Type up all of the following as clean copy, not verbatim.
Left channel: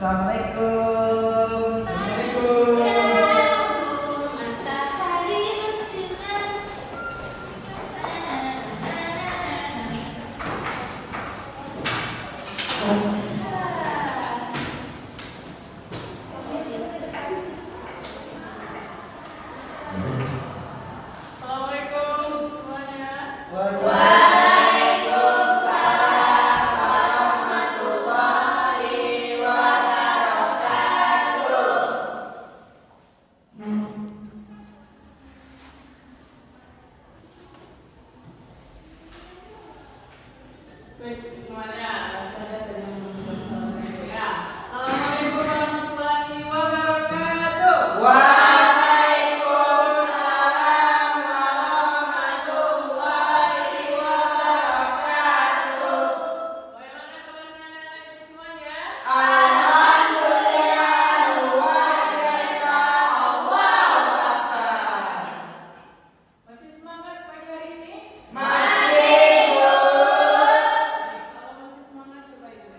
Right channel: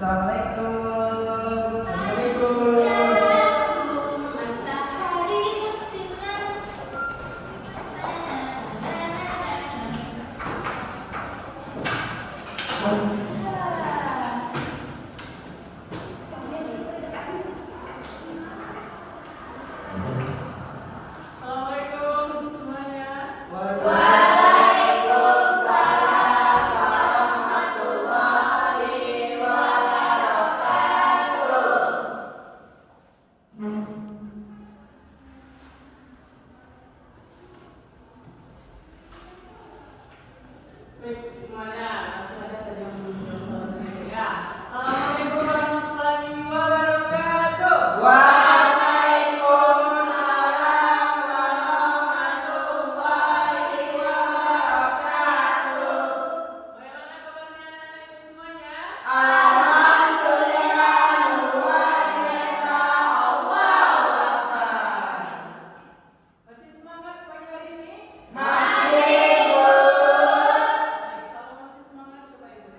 Assalamualaikum. Assalamualaikum semuanya. Waalaikumsalam warahmatullahi wabarakatuh. Baik semuanya, langsung saja tadi ya. Assalamualaikum warahmatullahi wabarakatuh. Waalaikumsalam warahmatullahi wabarakatuh. Bagaimana kabarnya anak-anakku semuanya? Alhamdulillah luar biasa. Allahu Akbar. Masih semangat pagi hari ini? Masih, Bu. Kalau masih semangat coba itu.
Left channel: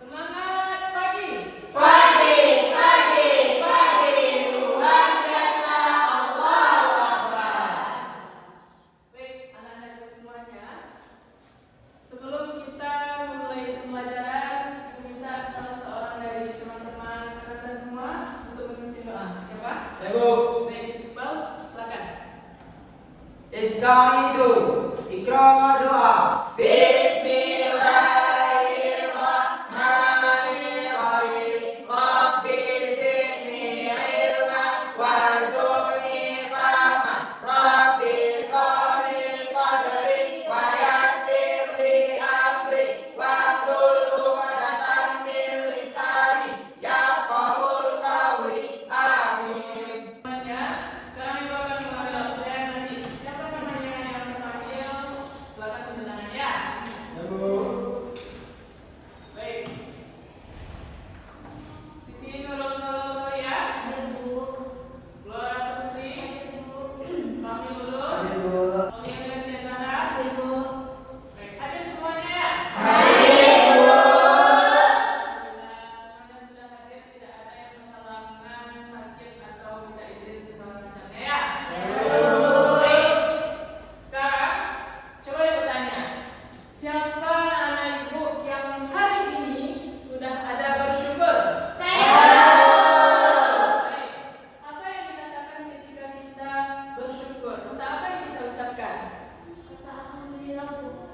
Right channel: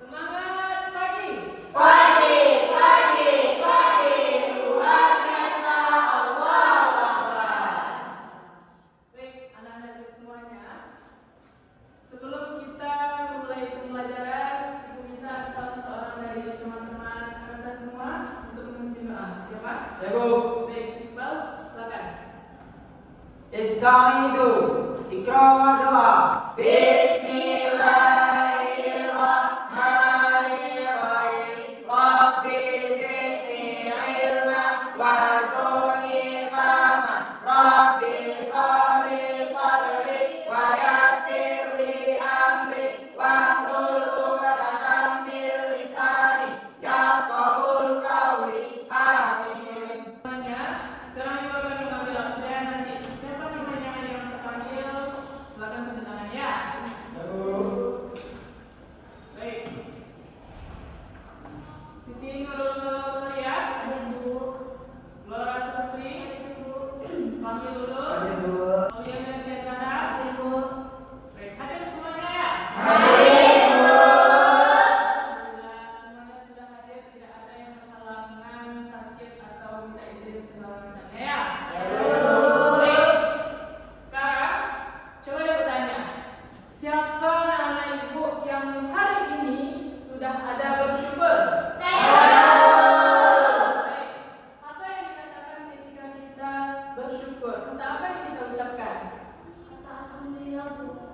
Semangat pagi. Pagi, pagi, pagi, luar biasa. Allahu Akbar. Baik anak-anakku semuanya. Sebelum kita memulai pembelajaran, kita minta salah seorang dari teman-teman kita semua untuk memimpin doa. Siapa? Ya, Bu. Baik, Iqbal, silakan. Ista'idu. Ikra wa doa. Bismillahirrahmanirrahim. Rabbi zidni ilman warzuqni fahman. Rabbi sholli sadri wa yassir li amri wahlul 'uqdatam min lisani yafqahul qawli. Amin. Semuanya, sekarang juga akan dipanggil absen nanti. Siapa namanya yang terpanggil? Silakan tunjuk tangan ya. Baik. Siti Nurul Mulia, Laura Supri, Kami Lulu, Aulia Nadia Zahra. Baik, hadir semuanya ya. Alhamdulillah, semuanya sudah hadir, tidak ada yang berhalangan, sakit atau minta izin segala macamnya ya. Baik. Sekarang coba ibu tanya, siapa anak ibu yang hari ini sudah ada bersyukur? Baik. Apa yang dikatakan ketika kita bersyukur? Kata apa yang kita ucapkan?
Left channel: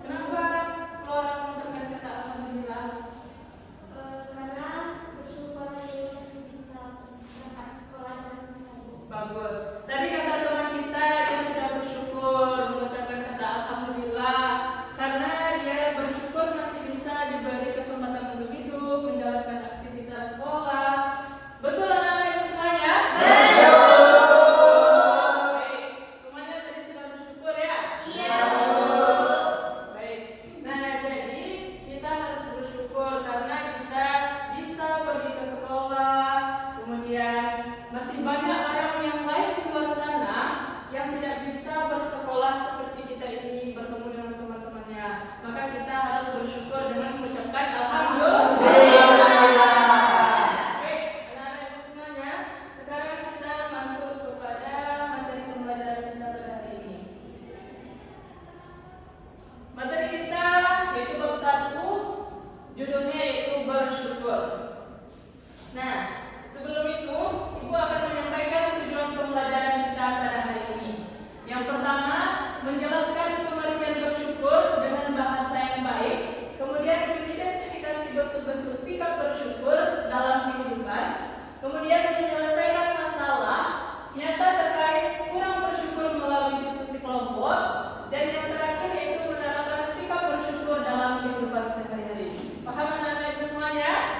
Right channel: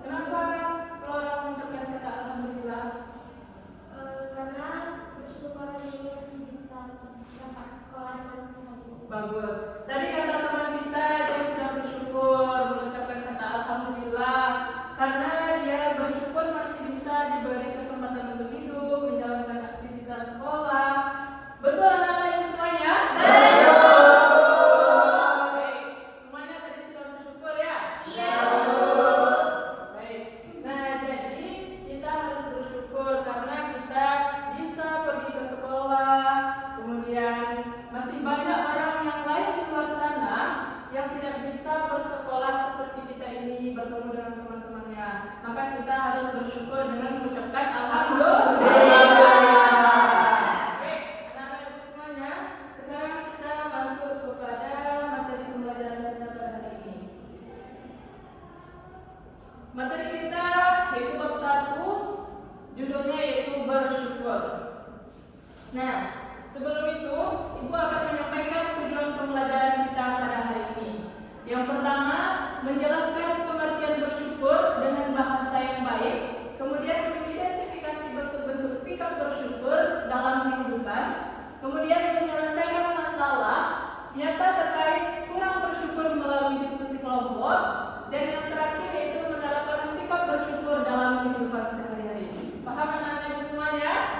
Kenapa Flora mengucapkan kata alhamdulillah? Bagus. Tadi kata teman kita dia sudah bersyukur mengucapkan kata alhamdulillah karena dia bersyukur masih bisa diberi kesempatan untuk hidup, menjalankan aktivitas sekolah. Betul anak-anak ibu semuanya? Baik. Semuanya tadi sudah bersyukur ya? Baik. Nah, jadi kita harus bersyukur karena kita bisa pergi ke sekolah. Kemudian masih banyak orang yang lain di luar sana yang tidak bisa bersekolah seperti kita ini bertemu dengan teman-temannya. Maka kita harus bersyukur dengan mengucapkan alhamdulillah. Baik, anak-anak ibu semuanya, sekarang kita masuk kepada materi pembelajaran kita pada hari ini. Materi kita yaitu bab 1, judulnya yaitu bersyukur. Nah, sebelum itu, Ibu akan menyampaikan tujuan pembelajaran kita pada hari ini. Yang pertama, menjelaskan pengertian bersyukur dengan bahasa yang baik, kemudian mengidentifikasi bentuk-bentuk sikap bersyukur dalam kehidupan, kemudian menyelesaikan masalah nyata terkait kurang bersyukur melalui diskusi kelompok, dan yang terakhir yaitu menerapkan sifat bersyukur dalam kehidupan sehari-hari. Paham anak-anak ibu semuanya?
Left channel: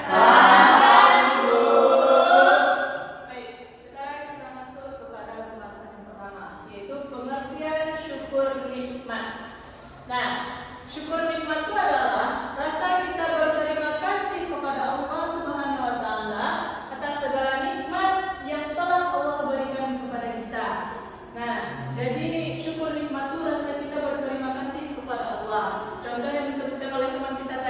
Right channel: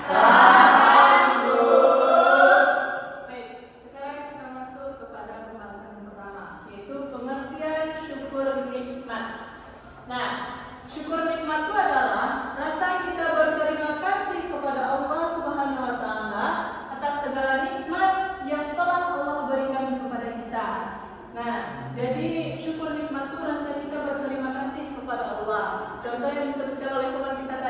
Baik, sekarang kita masuk kepada pembahasan yang pertama, yaitu pengertian syukur nikmat. Nah, syukur nikmat itu adalah rasa kita berterima kasih kepada Allah Subhanahu wa taala atas segala nikmat yang telah Allah berikan kepada kita. Nah, jadi syukur nikmat itu rasa kita berterima kasih kepada Allah. Contoh yang disebutkan oleh teman kita tadi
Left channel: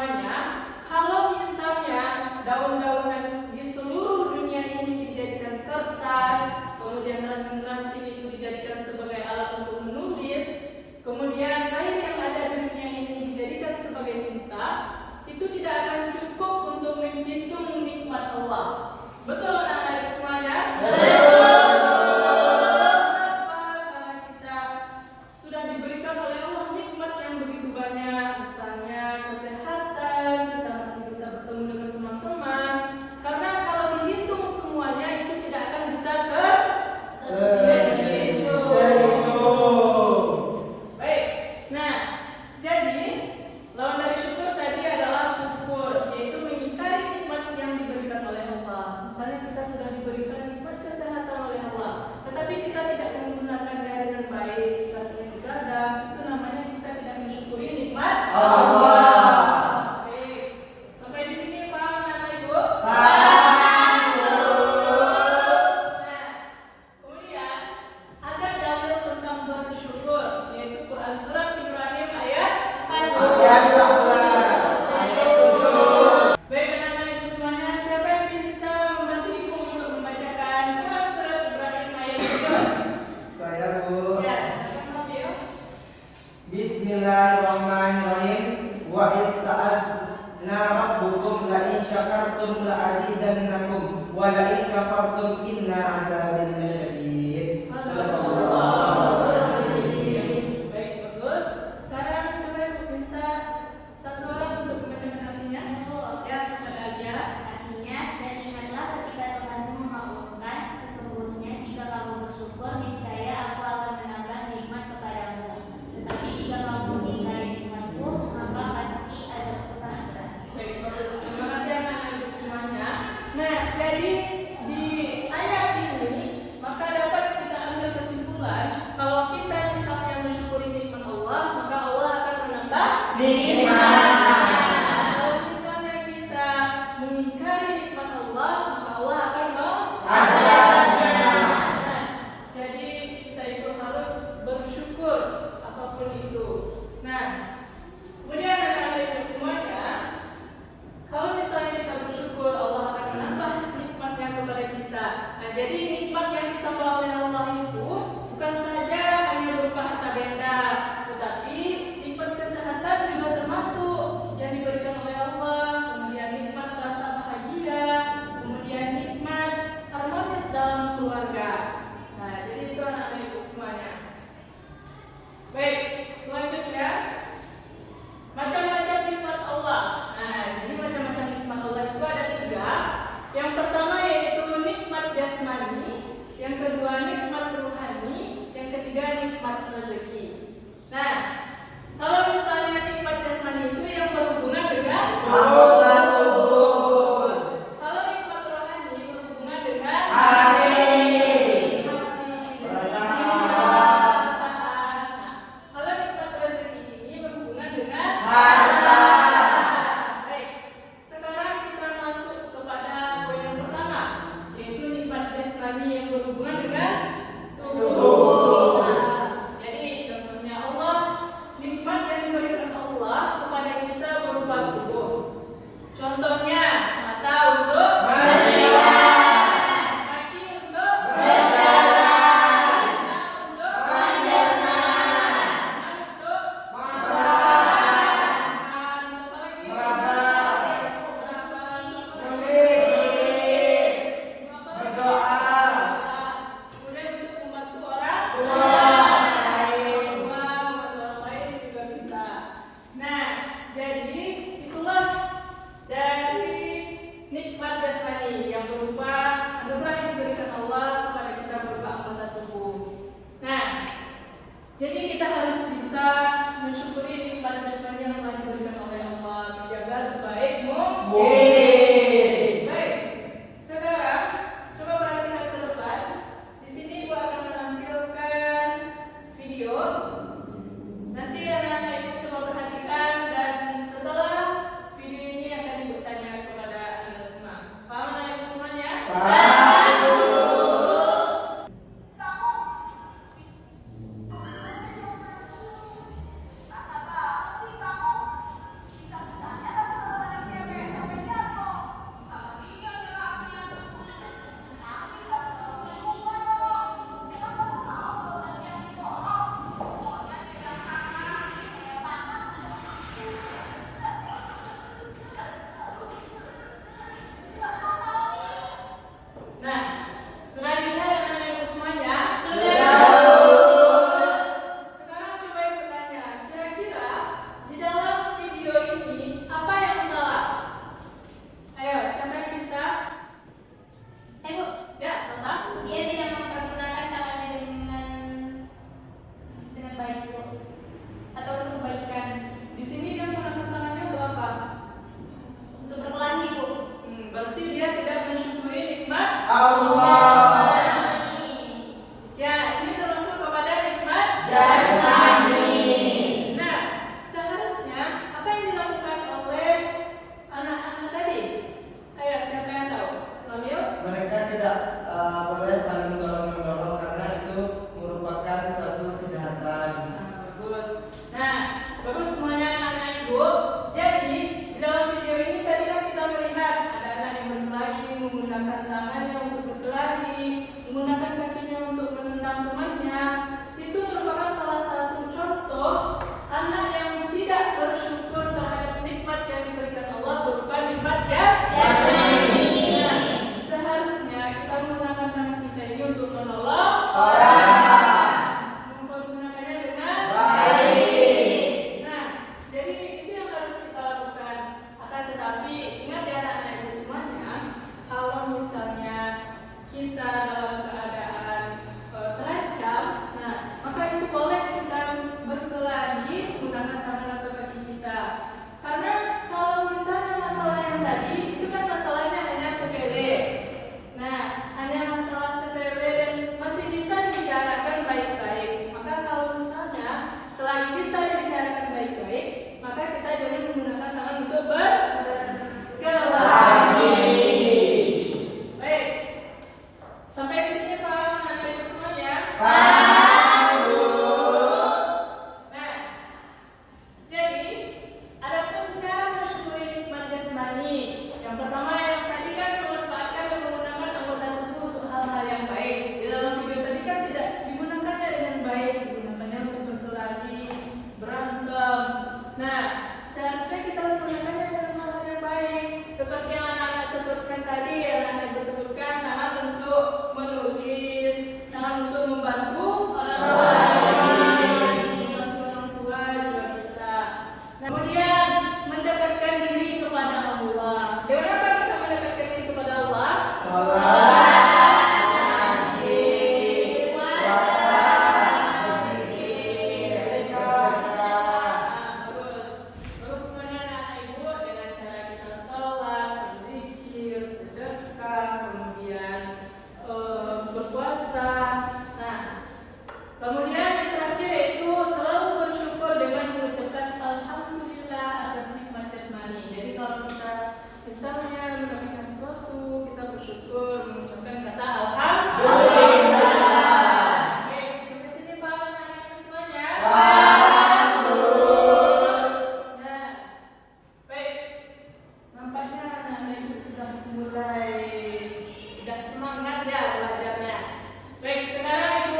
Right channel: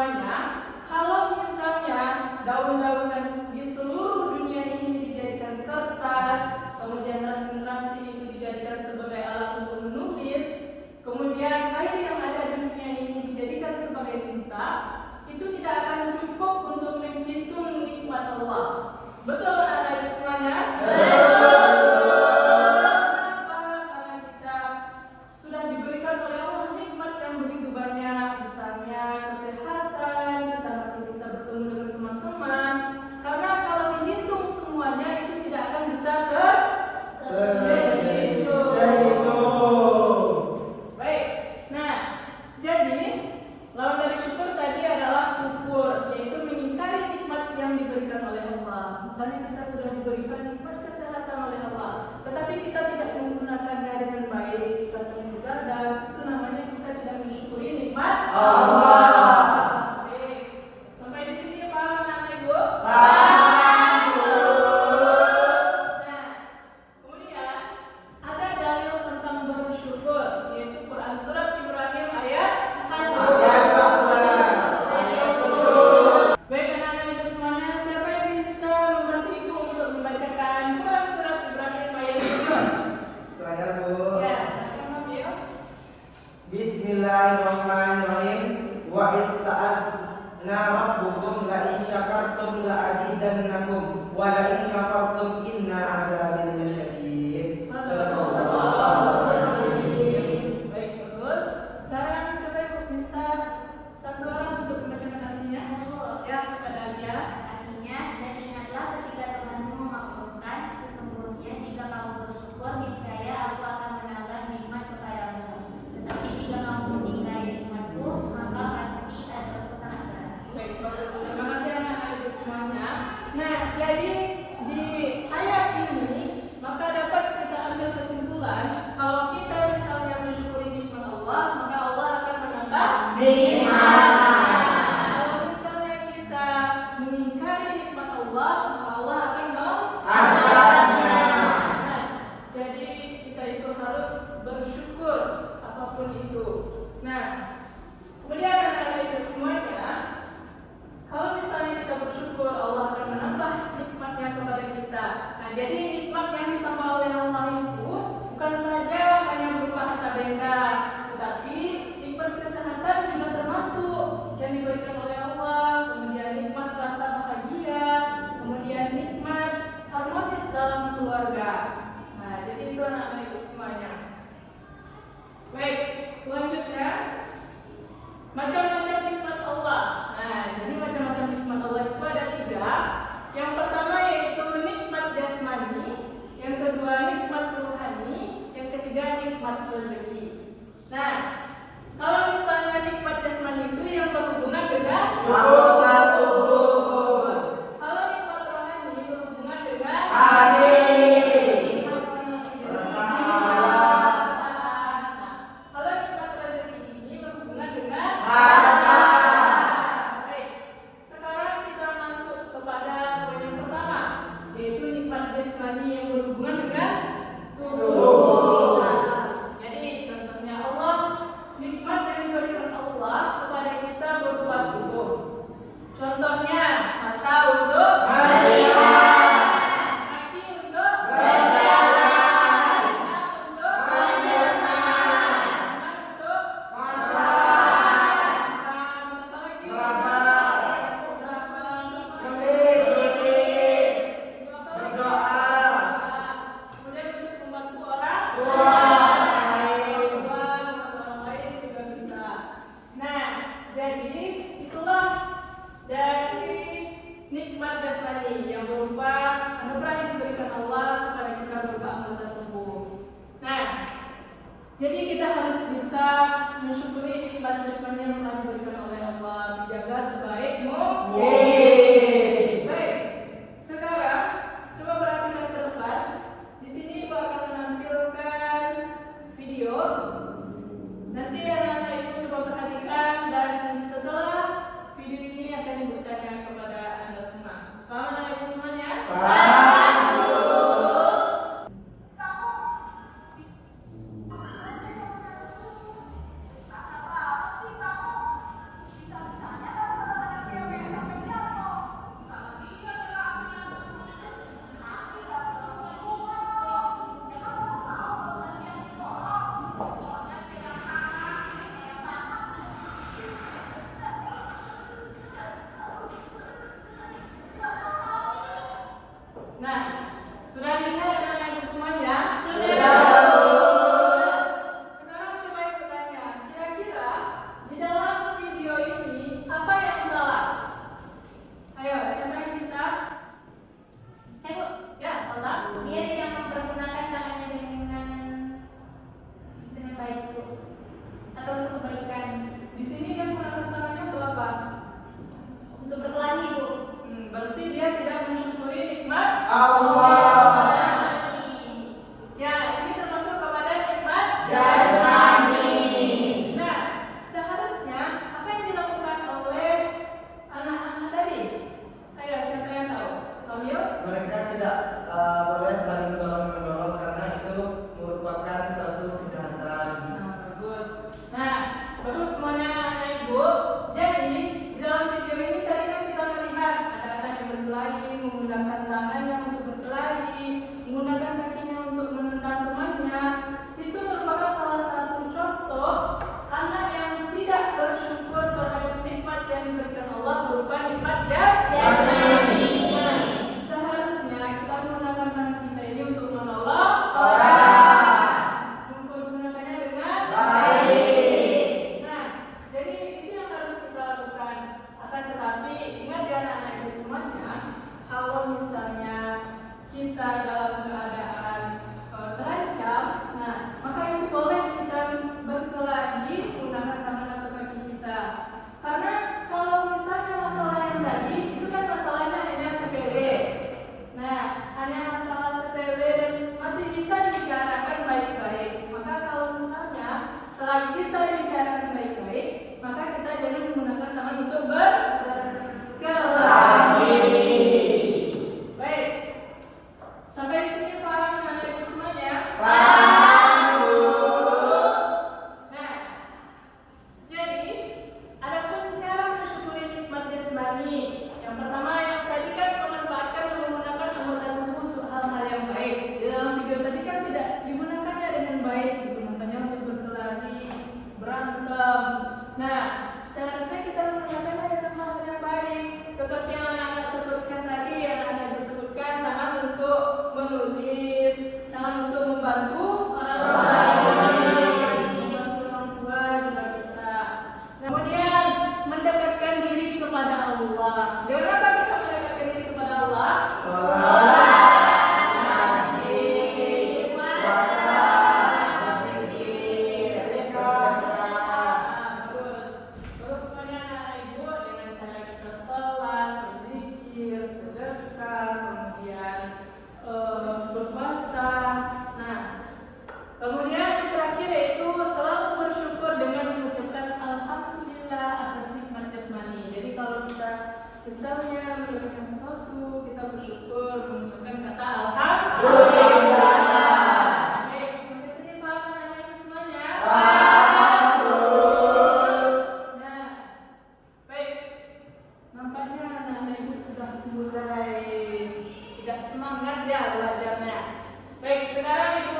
semuanya, kalau misalnya daun-daunan di seluruh dunia ini dijadikan kertas, kemudian ranting-ranting itu dijadikan sebagai alat untuk menulis, kemudian air yang ada di dunia ini dijadikan sebagai tinta, itu tidak akan cukup untuk menghitung nikmat Allah. Betul anak-anak semuanya? Sudah diberikan oleh Allah nikmat yang begitu banyak, misalnya kesehatan, kita masih bisa bertemu dengan teman-teman. Karena kalau dihitung semuanya itu tidak akan bisa Baik. Nah, jadi lawan dari syukur tadi adalah kufur, yaitu mengingkari nikmat yang diberikan oleh Allah. Misalnya kita sudah diberikan nikmat kesehatan oleh Allah, tetapi kita tidak menggunakannya dengan baik, kita sering begadang, itu namanya kita tidak mensyukuri nikmat Allah. Oke, sampai di sini paham anak ibu? Paham. Nah, kemudian ada dalil tentang bersyukur, yaitu Quran surat Ibrahim ayat 14. Baik anak-anak ibu semuanya, siapa yang bisa membantu ibu untuk membacakan Quran surat Ibrahim ayat 14? Saya Bu. Ya, saya ambil. Bismillahirrahmanirrahim. Wa ista'azna rabbukum la in syakartum la azidannakum wa la in kafartum inna azabi lasyadid. Baik, bagus. Sekarang coba ibu minta satu orang untuk membacakan artinya. Ya, kepada dia. Artinya, dan ingatlah ketika Tuhanmu memakmurkan, sesungguhnya jika kamu bersyukur, niscaya aku akan menambah nikmat kepadamu. Tetapi jika kamu mengingkari nikmatku, maka pasti ada kesusahan berat. Baik, bagus. Terima kasih anak-anak ibu semuanya. Nah, jadi di ayat ini maka dapat kita ambil kesimpulan kalau kita misalnya mensyukuri nikmat Allah, maka Allah akan menambah Nikmat. Kalau misalnya kita mengingkari nikmat Allah, maka Allah akan Azabnya. Jadi kita itu harus bersyukur apapun itu. Nah, kemudian anak-anak ibu semuanya, kalau misalnya kita bersyukur, Allah akan menambah nikmatnya kepada kita. Nah, jadi nikmat yang ditambah oleh Allah itu bukan saja hanya berupa harta benda, tetapi nikmat kesehatan juga termasuk yang diberikan oleh Allah. Kemudian nikmat rasa bahagia, kemudian nikmat harmonis dalam keluarga. Nah, jadi itu anak-anak ibu semuanya. Baik, selanjutnya macam-macam nikmat Allah. Nah, jadi macam-macam nikmat Allah itu ada 3. Yang pertama yaitu nikmat jasmani, yang kedua nikmat rohani, yang ketiga nikmat rezeki. Nah, kalau misalnya nikmat jasmani itu yang berhubungan dengan Anggota tubuh. Kalau nikmat rohani berhubungan dengan Hati. perasaan. Kalau nikmat rezeki ini berhubungan dengan Harta. Baik, sekarang kita masuk kepada poin yang pertama, yaitu nikmat jasmani yang berhubungan dengan tubuh. Nah, jadi contohnya Allah, nikmat yang diberikan Allah kepada kita berupa tubuh. Contohnya mata untuk Melihat. kaki untuk Berjalan. telinga untuk Mendengar. untuk Makan. apa lagi? Meraba. Merapat. Menulis. Berdoa. Kemudian untuk membantu orang Tua. Lain. membantu orang lain juga bisa. Nah, jadi itulah dari nikmat jasmani yang berupa anugerah yang diberikan Allah kepada kita berupa anggota tubuh. Nah, jadi kita harus bisa mensyukuri nikmat jasmani yang telah diberikan oleh Allah, menjaga sebaik mungkin. Baik, sekarang coba perhatikan ke depan. Di sini Ibu akan menampilkan video. Nanti anak-anak Ibu coba perhatikan dan setelah video ini akan Ibu tanya kepada Anda semua. Paham anak Ibu semuanya? Paham. menggunakan tangannya untuk berkelahi, menggunakan kakinya untuk menentang temannya, itu merupakan salah satu contoh anak yang tidak bersyukur terhadap nikmat yang diberikan Allah berupa nikmat jasmani. Seharusnya kita menggunakan anak kita ini untuk menolong orang, menggunakannya dengan baik. Nah, jadi itu yang harus kita lakukan. Akan tetapi ingat ya anak-anak itu semuanya, kalau misalnya kita dalam keadaan terancam, nah maka itu boleh kita berkelahi menggunakan tangan atau kaki kita. Karena kalau misalnya masalah yang tadi itu kan masalahnya hanya sepele. Nah, hanya masalah sepele dan masih bisa dibicarakan baik-baik. Maka kalau misalnya selagi bisa dibicarakan baik-baik, maka kita jangan menggunakan tangan untuk berkelahi. Baik, sampai di sini paham anak-anak semuanya? Nah, jadi adapun cara mensyukuri nikmat jasmani. Yang pertama yang tadi kan memanfaatkan dan menggunakan anggota tubuh untuk hal-hal yang baik. Di dalam video tadi kan tidak digunakannya dengan baik, digunakannya untuk berkelahi, berantem. Nah, seharusnya kita menggunakannya dengan hal yang baik. Seperti yang anak-anak sebutkan tadi, yang anak disebutkan tangan untuk menulis, tangan untuk membantu orang lain, membantu orang tua juga bisa. Kemudian mendekatkan diri kepada Allah. Dengan apa kita mendekatkan diri kepada Allah? Terus semuanya anak ibu dengan cara kita sholat, berzikir, sedekah, kemudian berpuasa. Nah, kemudian yang terakhir yaitu selalu bersyukur dengan mengucapkan alhamdulillah atas nikmat jasmani. Jadi kalau kita misalnya mendapatkan sesuatu, kita bersyukur mengucapkan kata alhamdulillah. Baik, sampai sini paham anak-anak semuanya? Nah, baik. Nampaknya anak-anak ibu sudah mulai tidak semangat ya belajarnya. Baik, sekarang ibu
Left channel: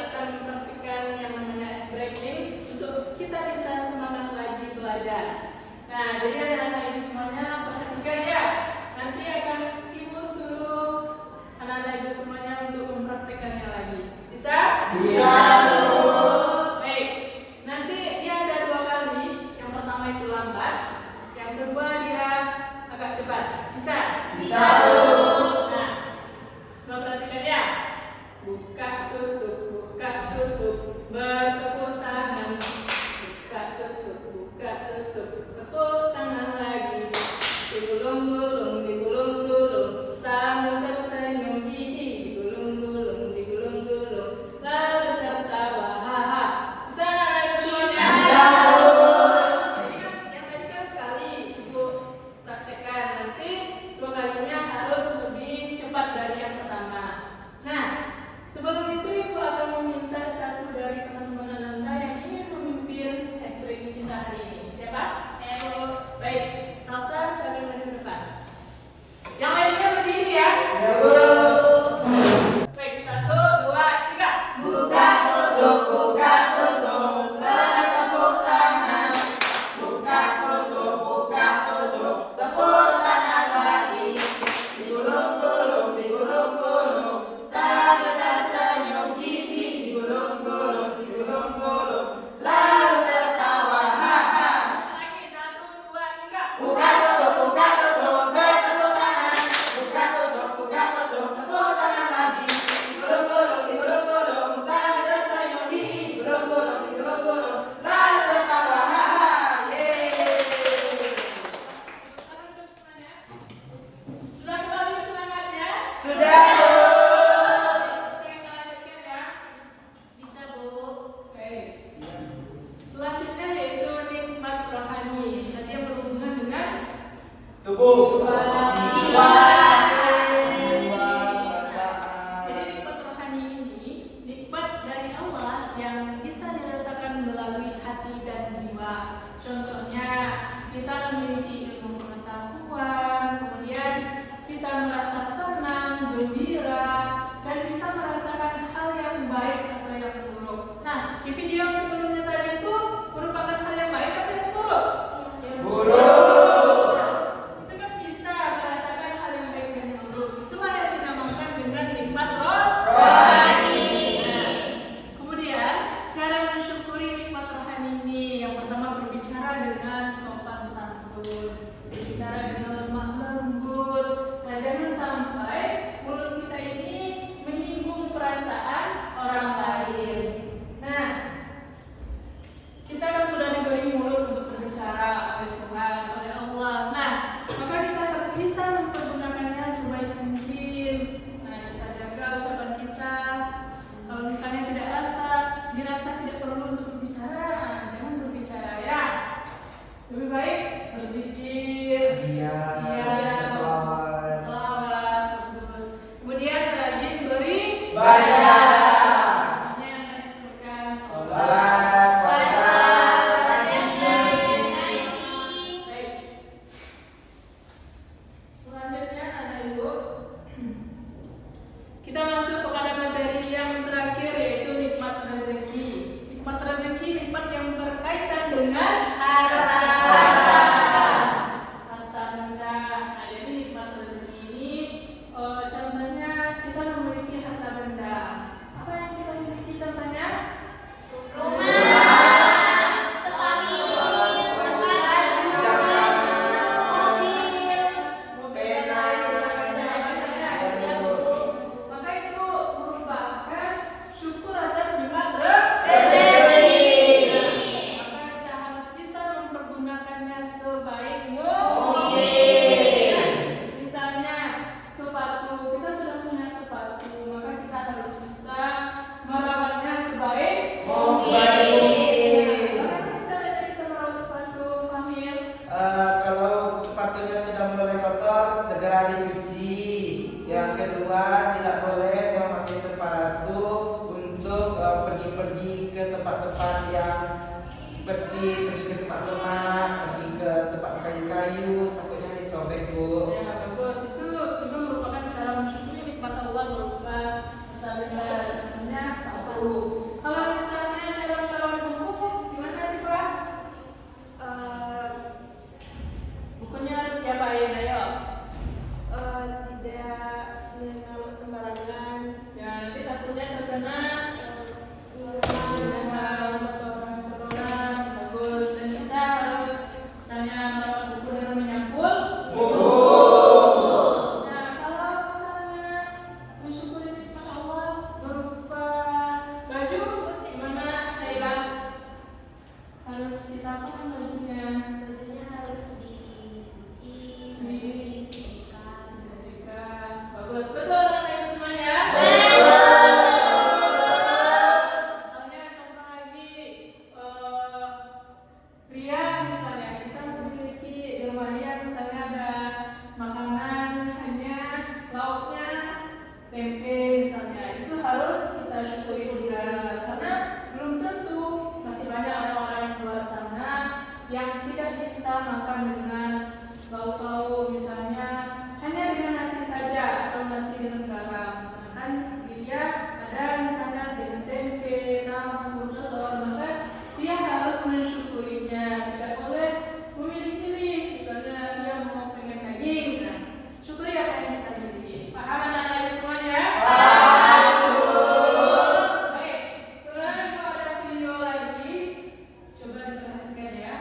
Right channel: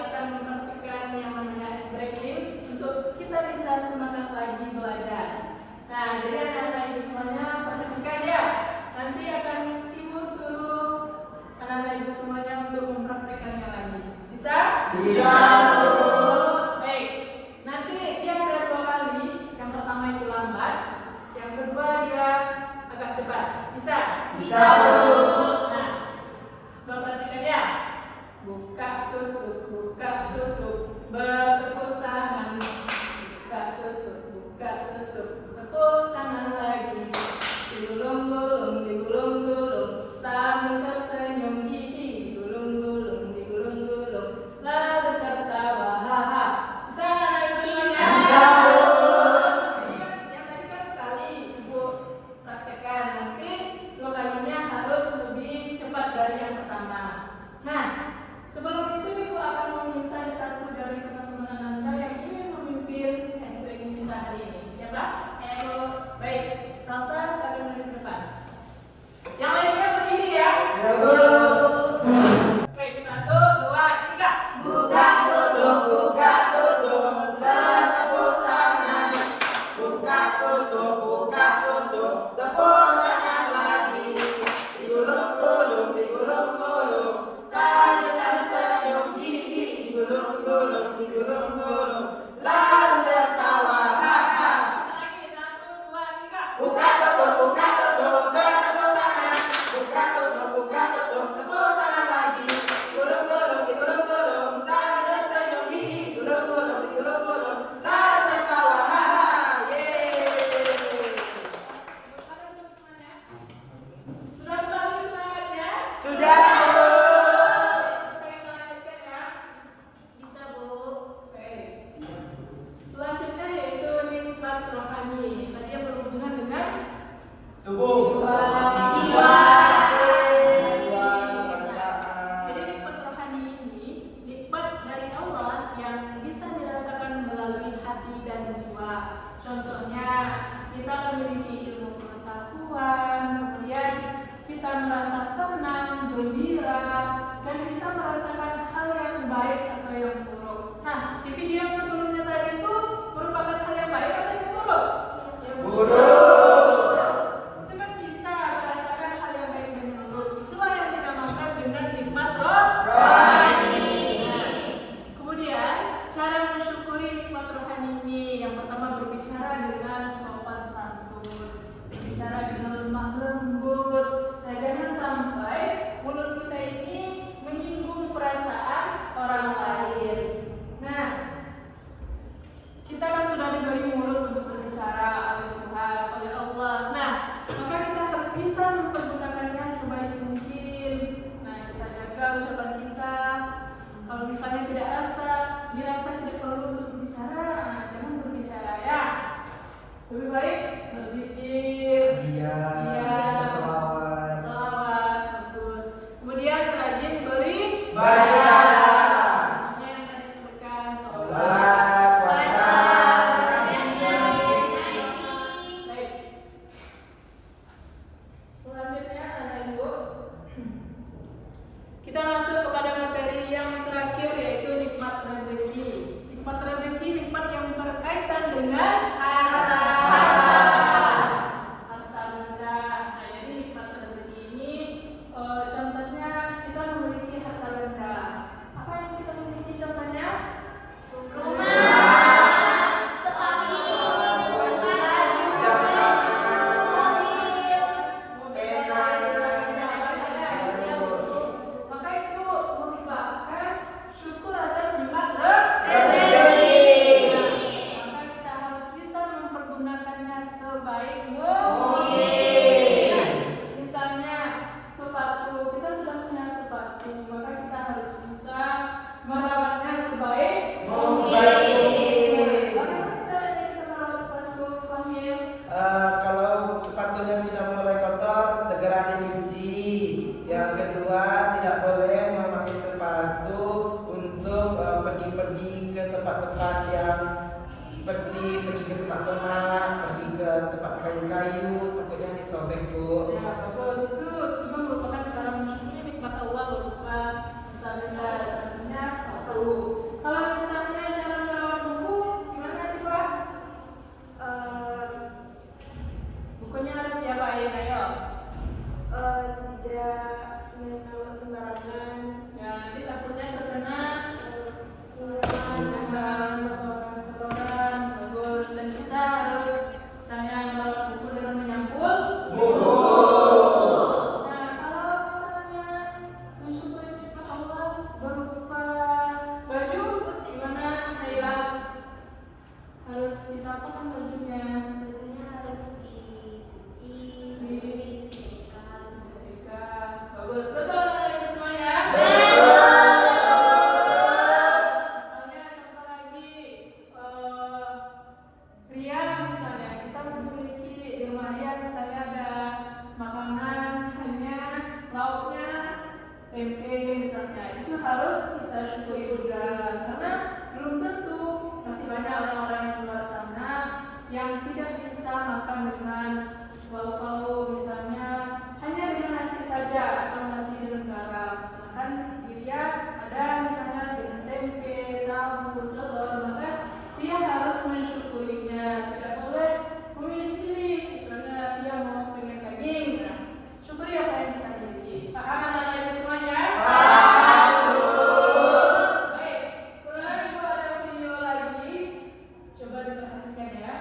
akan mempraktikkan yang namanya ice breaking untuk kita bisa semangat lagi belajar. Nah, jadi anak-anak ibu semuanya perhatikan ya. Nanti akan ibu suruh anak-anak ibu semuanya untuk mempraktikkannya lagi. Bisa? Bisa. Baik. Nanti dia ada 2 kali. Yang pertama itu lambat, yang kedua dia agak cepat. Bisa? Bisa. Nah, coba perhatikan ya. Buka tutup, bertepuk tangan. Buka tutup, tepuk tangan lagi. Digulung-gulung, digulung-gulung, sambil tersenyum gigi. Digulung-gulung, digulung-gulung, lalu tertawa, haha. Bisa nggak itu semuanya? Jadi kan yang tadi kan sekali ibu praktekkan, nanti 2 kalinya harus lebih cepat dari yang pertama. Nah, sebelum itu ibu akan meminta satu dari teman-teman Anda yang ingin memimpin ice breaking kita hari ini. Siapa? Ayo, baik. Salsa sekalian di depan. Yang lainnya berdiri ya. Baik, 1, 2, 3. Buka tutup, bertepuk tangan. Buka tutup, tepuk tangan lagi. Digulung-gulung, sambil tersenyum gigi. Digulung-gulung, lalu tertawa, haha. Lagi 1, 2, 3. Buka tutup, bertepuk tangan. Buka tutup, tepuk tangan lagi. Digulung-gulung, sambil tersenyum gigi. Digulung-gulung, lalu tertawa, haha. Yeay. Sudah kembali semangatnya? Sudah. Kita lanjutkan ya. Bisa, Bu. Oke. Selanjutnya yaitu nikmat rohani. Tadi yang berhubungan dengan Tubuh. jiwa. Perasaan. Jadi nikmat rohani ini nikmat dari Allah yang bisa dirasakan melalui hati dan jiwa. Contohnya kita memiliki ilmu pengetahuan, kemudian kita kita merasa senang, gembira, dan bisa merasakan hal yang baik atau yang buruk. Nah, di video yang sebelumnya tadi itu merupakan hal yang baik atau yang buruk? Buruk. Itu kan bisa merasakan hal yang baik dan yang buruk. Itulah yang dinamakan dengan nikmat rohani. Nah, kemudian cara mensyukuri nikmat rohani ini, yang pertama berbicara dengan sopan santun, berbicara dengan lemah lembut. Nah, jangan sampai mulut kita ini menyinggung perasaan orang lain. Nah, kita kan sudah diberi mulut untuk berbicara oleh Tuhan, oleh Allah. Nah, maka kita harus bisa mempergunakannya sebaik mungkin. Nah, kita jaga ucapan kita. Kalau misalnya tidak dirasa tidak perlu untuk berbicara, nah, jangan berbicara ya. Lebih baik berzikir, Selawat. bagus. Kemudian rajin beri Baik. yang tadi disebutkan Sholat, puasa. Baik. Selanjutnya ada Ibu. Kita masuk kepada materi yang terakhir, yaitu nikmat rezeki. Nikmat rezeki nikmat yang berkaitan dengan harta benda. Nah, jadi nikmat rezeki ini contohnya kita memiliki harta benda. Apa yang kita miliki contohnya? Maka itu merupakan syukur atas nikmat rezeki. Maka kita harus bisa mempergunakannya sebaik mungkin. Misalnya sepatu, kita sudah punya sepatu, maka kita harus bisa merawatnya sebaik mungkin. Bagaimana caranya kita merawat sepatu, Fahmi? Kalau sepatunya sudah mulai kotor, segera dicuci. Yang kedua, tidak boleh memakai sepatu untuk pergi-pergi ke tempat-tempat yang seperti pergi ke semak-semak, pergi ke tempat kayu-kayu, takutnya disobek, Bu. Ya, bagus. Itu juga merupakan cara mensyukuri nikmat Allah berupa harta benda. Contohnya satu. Kalau misalnya cara merawat buku, gimana nih Pak? Bukunya harus diapain? Ayo. Tidak menaruh sembarangan. Ya, nanti takutnya terkena kotoran. Bagus. Dan kita harus misalnya merawat buku dengan menyampul. Nah, kalau misalnya mensyukuri nikmat Allah berupa baju, gimana Haira? Harus ditampung bajunya, Harus dicuci, disetrika. Bagus, betul anak ibu semuanya. Misalnya contoh lagi, pria misalnya kita memiliki di rumahnya misalnya ada makanan hanya lauknya tempe misalnya, itu harus kita syukuri juga karena belum tentu masih banyak orang-orang yang luar sana yang tidak bisa makan dengan lauk-lauk, misalnya hanya dengan nasi saja atau nasi dengan garam. Misalkan dia ada misalnya dengan tempe, tahu, telur, maka dia harus mensyukurinya. Tidak boleh memilih-pilih, misalnya dia mau pengen daging, nah syukuri apa yang kita miliki. Paham anak-anak semuanya? Baik, sekarang Ibu ada video lagi, coba diperhatikan ya.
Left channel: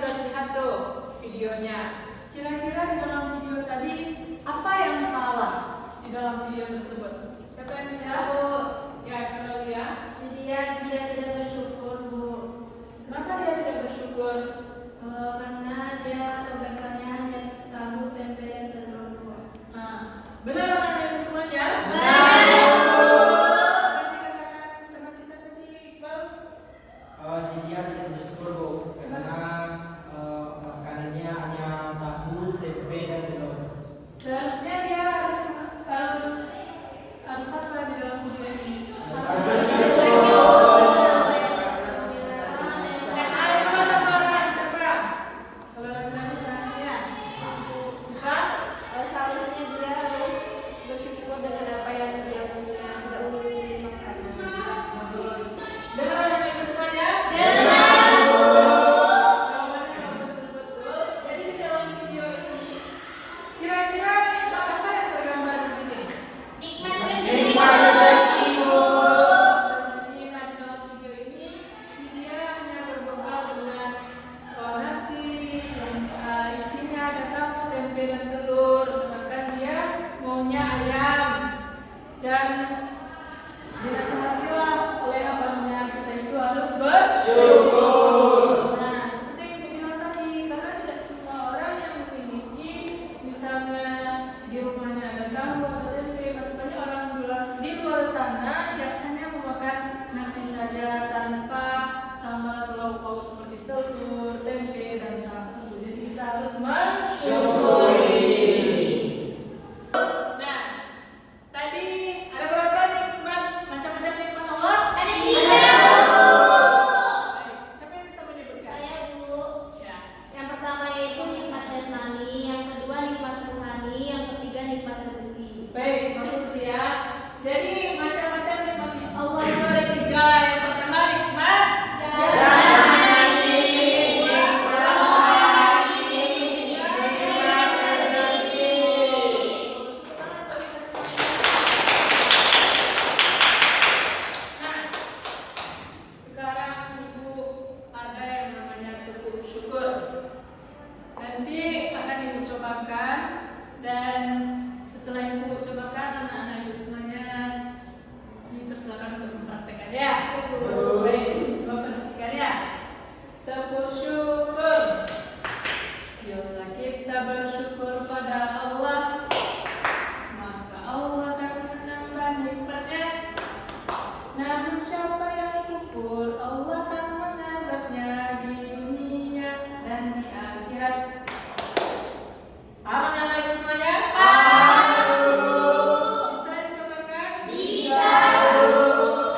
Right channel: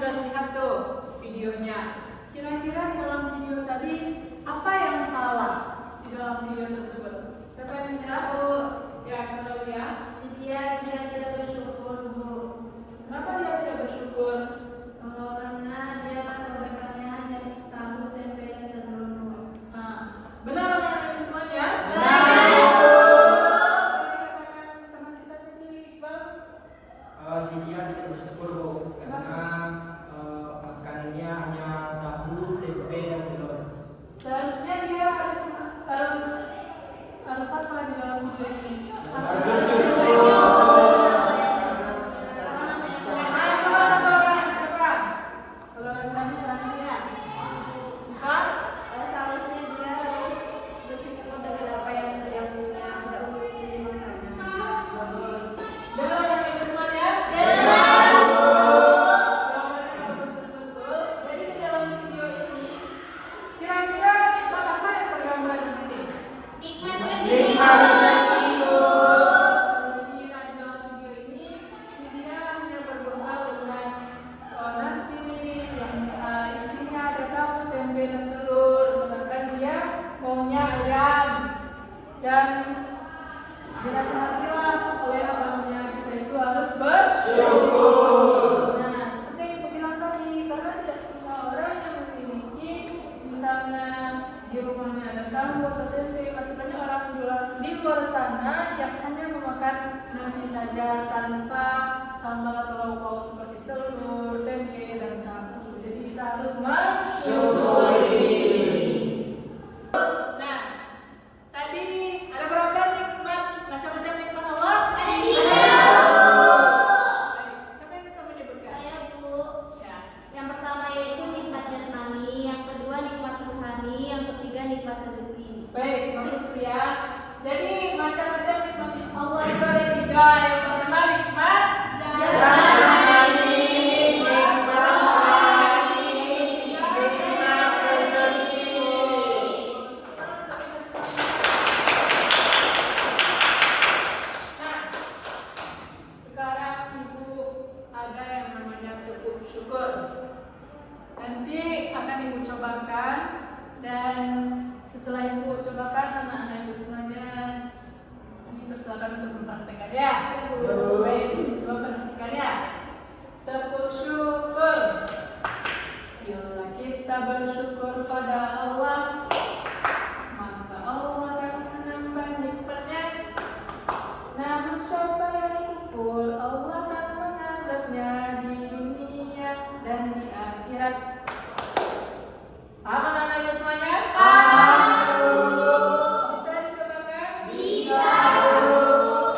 sudah lihat tuh videonya. Kira-kira di dalam video tadi apa yang salah di dalam video tersebut? Siapa yang bisa? Ya, kenapa ya? Dia tidak bersyukur, Bu. Kenapa dia tidak bersyukur? Karena dia kebaikannya hanya tahu, tempe, dan telur, Bu. Benar anak-anak semuanya? Benar. Teman kita tadi Iqbal. Si dia tidak bersyukur Bu, karena makanannya hanya tahu, tempe, dan telur. Seharusnya dia harus apa di dalam video ini? Seharusnya dia harus bersyukur dengan apa yang tidak memiliki makanan. Bagus. Dengar anak-anak semuanya? Jawabannya bagus betul. Jadi di dalam video ini kira-kira apa yang tergambar di sini? Nikmat Rezeki. Nah, di dalam video ini si dia hanya berbekal dengan nasi yang isinya ada tahu, tempe, dan telur, sedangkan dia maunya ayam. Dan dinasihatilah oleh abangnya kita itu harus bersyukur. Nah, seperti yang ibu bilang tadi, karena tidak semua orang yang memiliki misalnya di rumahnya ada tahu atau tempe, masih banyak orang di luar sana yang hanya memakan nasi saja tanpa sambal atau lauk pauk seperti telur, tempe, dan tahu. Jadi kita harus mensyukuri. Nah, tadi ada berapa nikmat, macam-macam nikmat Allah? Ada 3. Siapa yang bisa menyebutkan? Saya, Bu. Ya. Yang pertama yaitu nikmat jasmani, yang kedua nikmat rohani, yang ketiga nikmat rezeki. Baik, bagus ya. Jadi macam-macam nikmat Allah itu ada 3. Yang pertama nikmat Jasmani, Nah, sekarang ibu ada yang namanya tepuk syukur. Nanti akan ibu cobakan, dan setelah ibu cobakan anak-anak ibu semuanya dipersilakan untuk mempraktekkan ya. Baik, coba perhatikan ya. Tepuk syukur. Bila kita bersyukur pada Allah, maka Allah akan menambah nikmatnya. Namun siapa yang kufur, Allah akan mengazabnya di dunia dan di akhirat. Paham anak-anak semuanya? Bisa dicobakan? Bisa.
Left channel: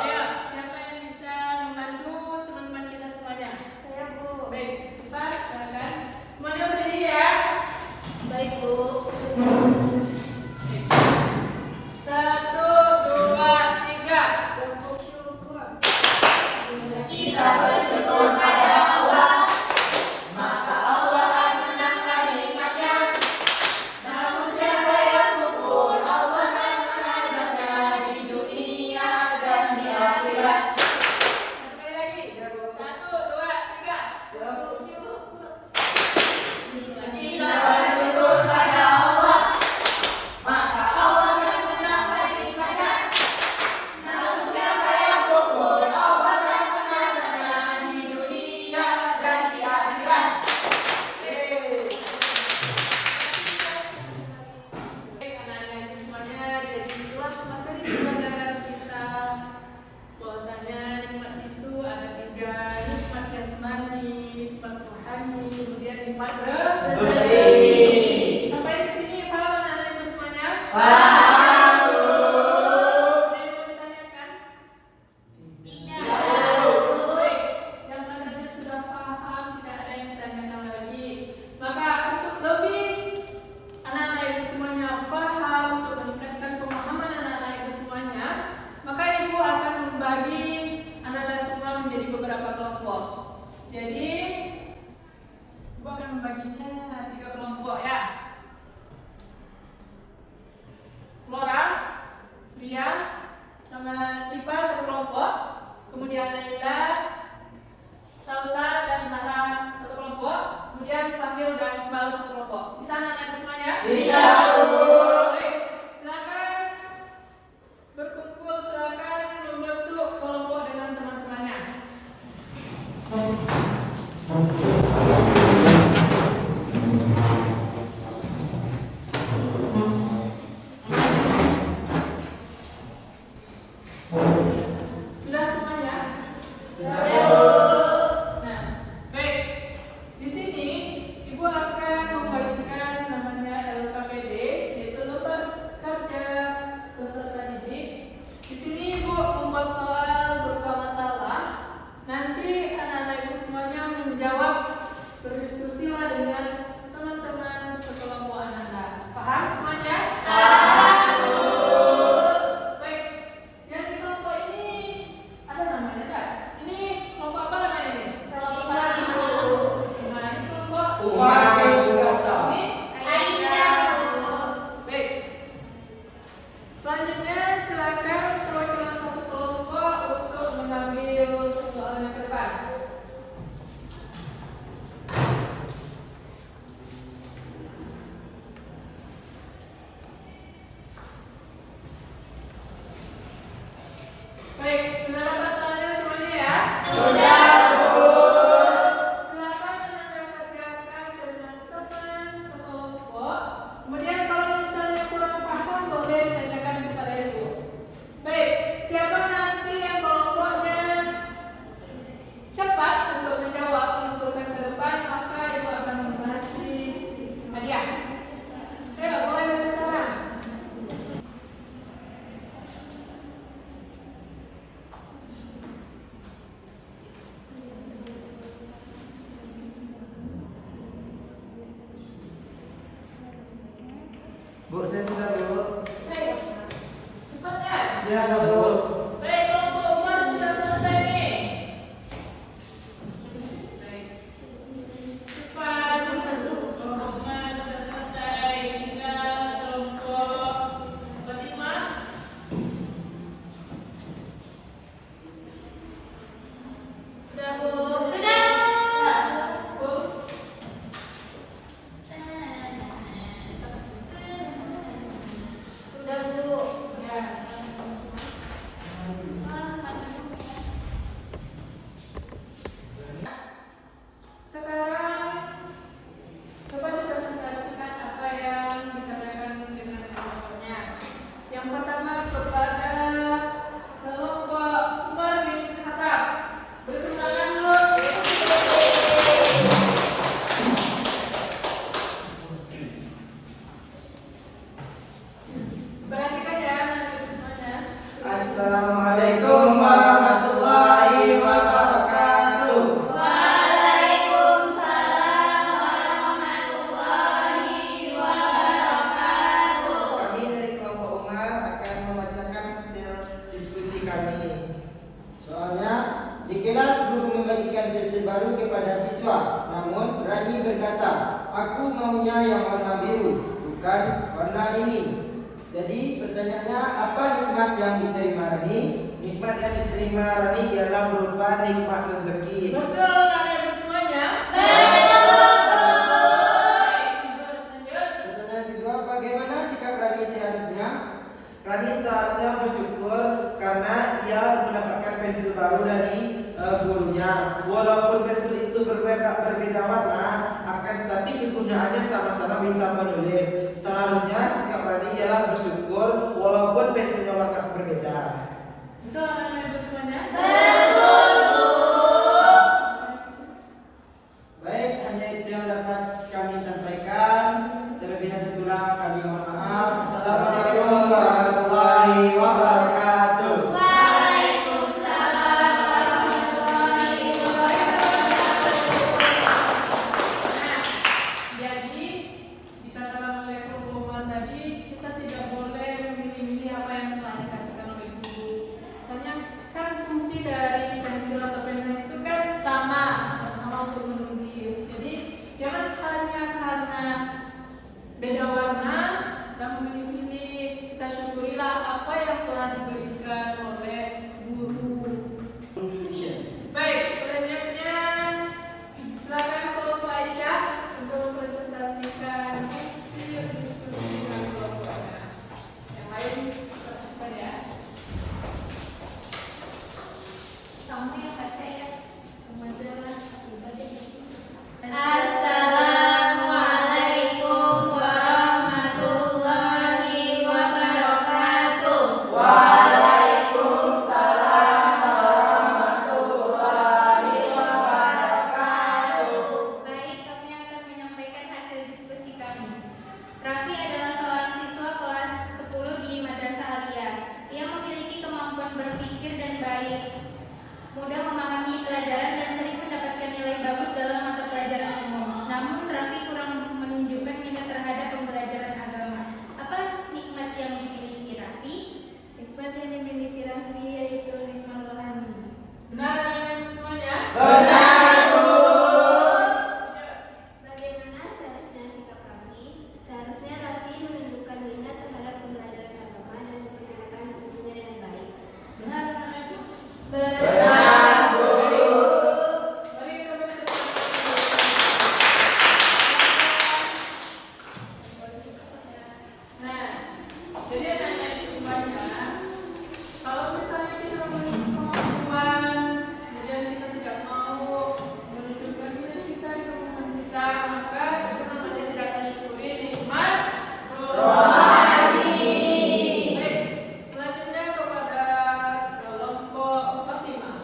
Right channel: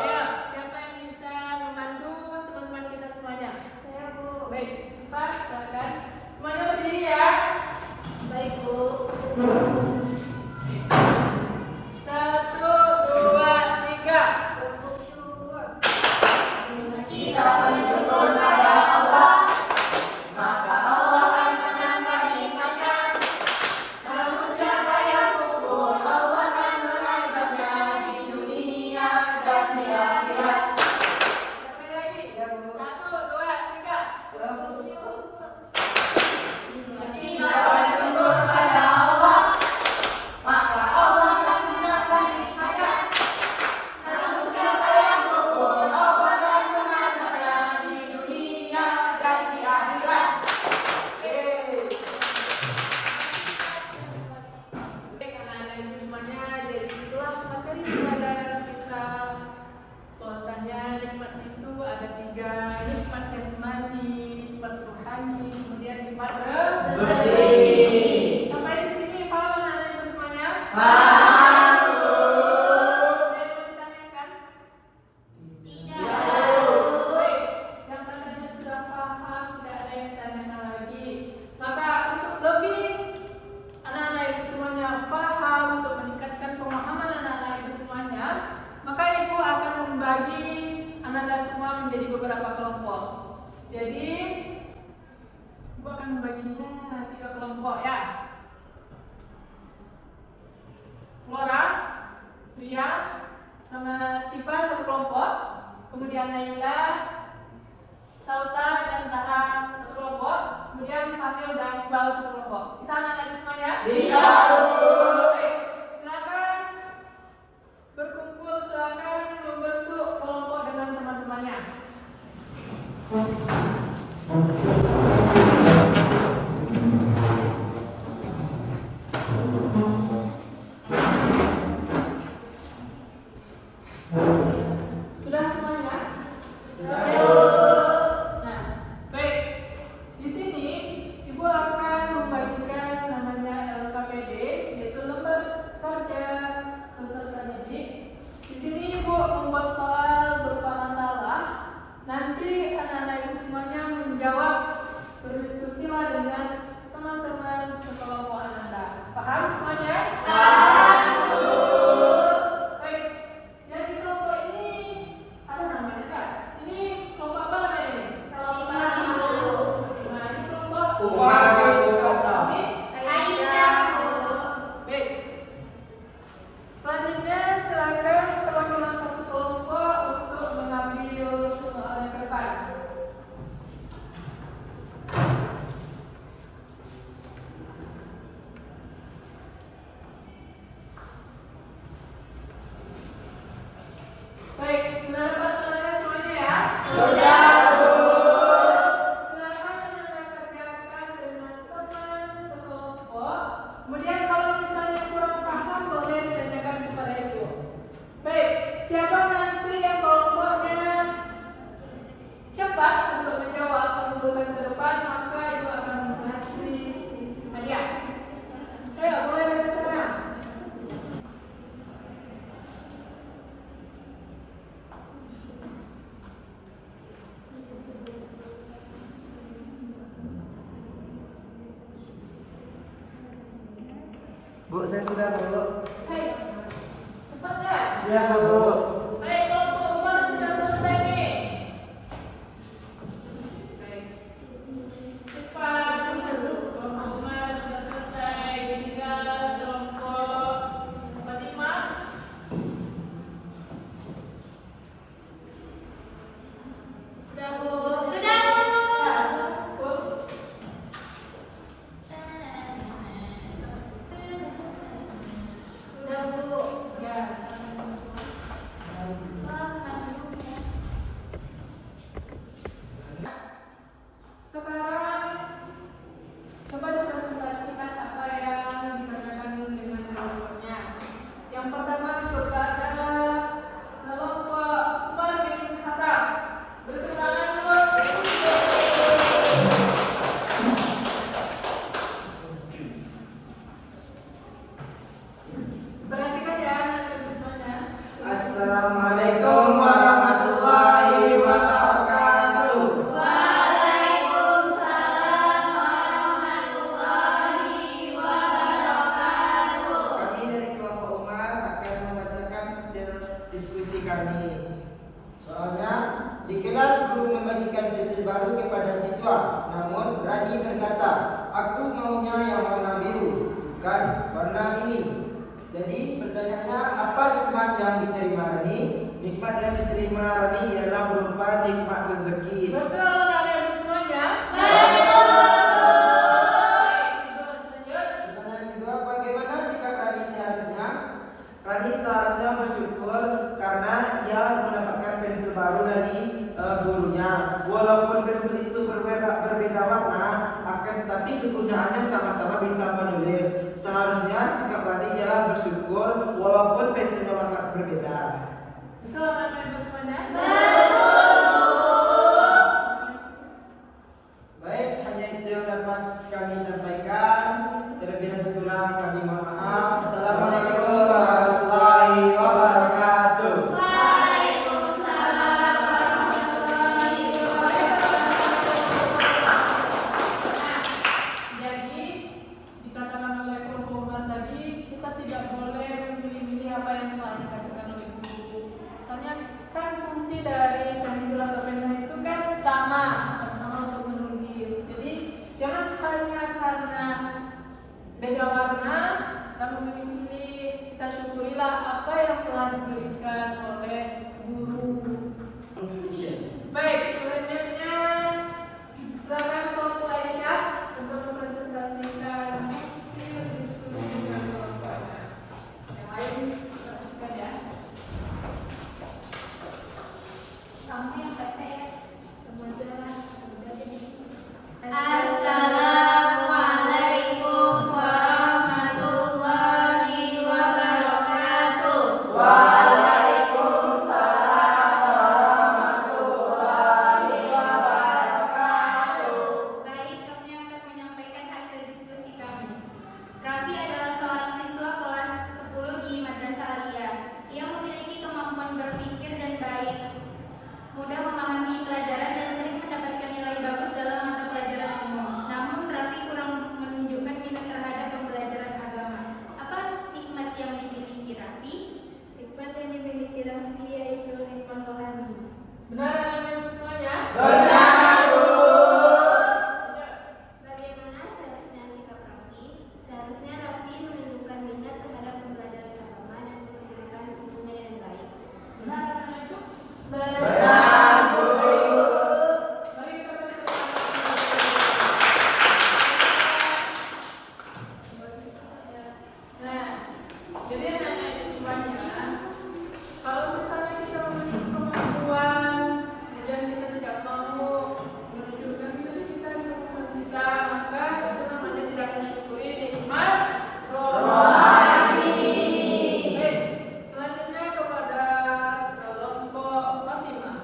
Ayo, siapa yang bisa membantu teman-teman kita semuanya? Saya, Bu. Baik, cepat, silakan. Semuanya berdiri ya. Baik, Bu. 1, 2, 3. Tepuk syukur. Kita bersyukur pada Allah, maka Allah akan menambah nikmatnya. Namun siapa yang kufur, Allah akan mengazabnya di dunia dan di akhirat. Sampai lagi. 1, 2, 3. Kita bersyukur pada Allah, maka Allah akan menambah nikmatnya. Namun siapa yang kufur, Allah akan mengazabnya di dunia dan di akhirat. Baik, anak-anak ibu semuanya, jadi itulah materi pelajaran kita. Bahwasanya nikmat itu ada 3, nikmat jasmani, nikmat rohani, kemudian nikmat rezeki. Sampai di sini paham anak-anak ibu semuanya? Paham, Bu. Ada yang mau ditanyakan? Tidak. Baik, yang katanya sudah paham, tidak ada yang ditanyakan lagi. Maka untuk lebih anak-anak ibu semuanya paham, untuk meningkatkan pemahaman anak-anak ibu semuanya, maka ibu akan membagi anak-anak semua menjadi beberapa kelompok. Jadi ibu akan membaginya 3 kelompok ya. Flora, Lia, sama Tifa 1 kelompok. Kemudian Naila, Salsa, dan Sarah 1 kelompok. tampil dan balas kelompok. Bisa anak-anak semuanya? Bisa, Bu. Baik, silakan berkumpul, silakan membentuk kelompok dengan teman-temannya. Sudah semuanya? Nah, baik. Di sini Ibu akan membagikan namanya LKPD, yaitu lembar kerja peserta didik. Di sini Ibu membuat soal berupa masalah. Nanti anak-anak Ibu semuanya menjawab, berdiskusilah dengan teman-teman sekelompok Anda. Paham semuanya? Baik. Yang di kelompok ini ada namanya enggak? Ini kelompok apa namanya ini? Nah, ini kelompok Umat Berkata. ini baik. Selanjutnya silakan perwakilan satu kelompok untuk mengambil soalnya ke depan. Baik, sudah dapat soalnya semuanya ya? Silakan Anda kerjakan dengan teman sekelompok. Kemudian kalau misalnya kurang paham boleh ditanyakan kepada Ibu. Baik, siapa nanti yang kelompoknya cepat untuk menjawab mengumpulkan ke depan, maka Ibu akan mengasih hadiah. Ayo, boleh dari sekarang. Bu, saya sudah, Bu. Ayo, cepat ya. Ya, Bu. Baik, kelompok Umar sudah selesai nih. Baik. Cepat, kelompok Umar sudah selesai. Tinggal kelompok Fatimah. Sudah, Bu. Sudah, Bu. Bu. Sudah, Bu. Ya. Sekarang coba dipresentasikan apa yang dikerjakan dengan kelompoknya. Yang pertama kepada kelompok Umar bin Khattab. Beri tangan dulu. Perhatikan ya anak-anak semuanya. Assalamualaikum warahmatullahi wabarakatuh. Waalaikumsalam warahmatullahi wabarakatuh. Kami dari kelompok Umar akan membacakan hasil diskusi kami. Soalnya, di kelas guru membagikan pensel baru kepada siswa. Namun, Rani berkata, aku maunya yang warna biru, bukan warna ini. Jadi, pertanyaannya, apa nikmat yang diterima Rani? Nikmat yang diterima Rani ialah berupa nikmat rezeki. Betul anak-anak ibu semuanya? Pertanyaan kedua, bagaimana sikap Rani seharusnya? Rani seharusnya bersyukur karena ia mendapatkan pensil baru dari gurunya. Walaupun pensil itu berbeda warna, akan tetapi kegunaannya sama-sama bisa menulis. Seharusnya sikap Rani ialah bersyukur walaupun pensilnya warna berbeda. Betul anak-anak ibu semuanya? Baik, hanya itu yang dapat kami sampaikan. Terlebih dahulu kami mohon maaf. Assalamualaikum warahmatullahi wabarakatuh. Waalaikumsalam warahmatullahi wabarakatuh. Jadi dikatakan oleh kelompok Umar tadi, kita tidak boleh memilih-milih apa yang telah dikasihkan oleh guru. Soalnya kan fungsi dari pensil atau pena itu kan sama-sama untuk menulis. Jadi jangan hanya karena beda warna kita memilih-milih, kita syukurilah apa yang telah diberikan oleh guru. Baik, selanjutnya silakan kelompok Aisyah sebelum hanya memiliki Raffi, yaitu nikmat rohani. Benar anak-anak ibu semuanya? Benar, Bu. Bagaimana seharusnya sikap Raffi? Seharusnya Raffi menunjukkan minat terhadap pembelajaran agama dan mempergunakan ilmunya dengan baik. Benar anak-anak ibu? Benar, Bu. Mari kita baca. Nah, jadi anak-anak ibu semuanya, kalau misalnya kita memiliki kemampuan, kemudian kita tidak mau menunjukkan minat kita di kemampuan kita, maka itu namanya tidak mensyukuri nikmat rohani. Baik, selanjutnya kepada kelompok Fatimah.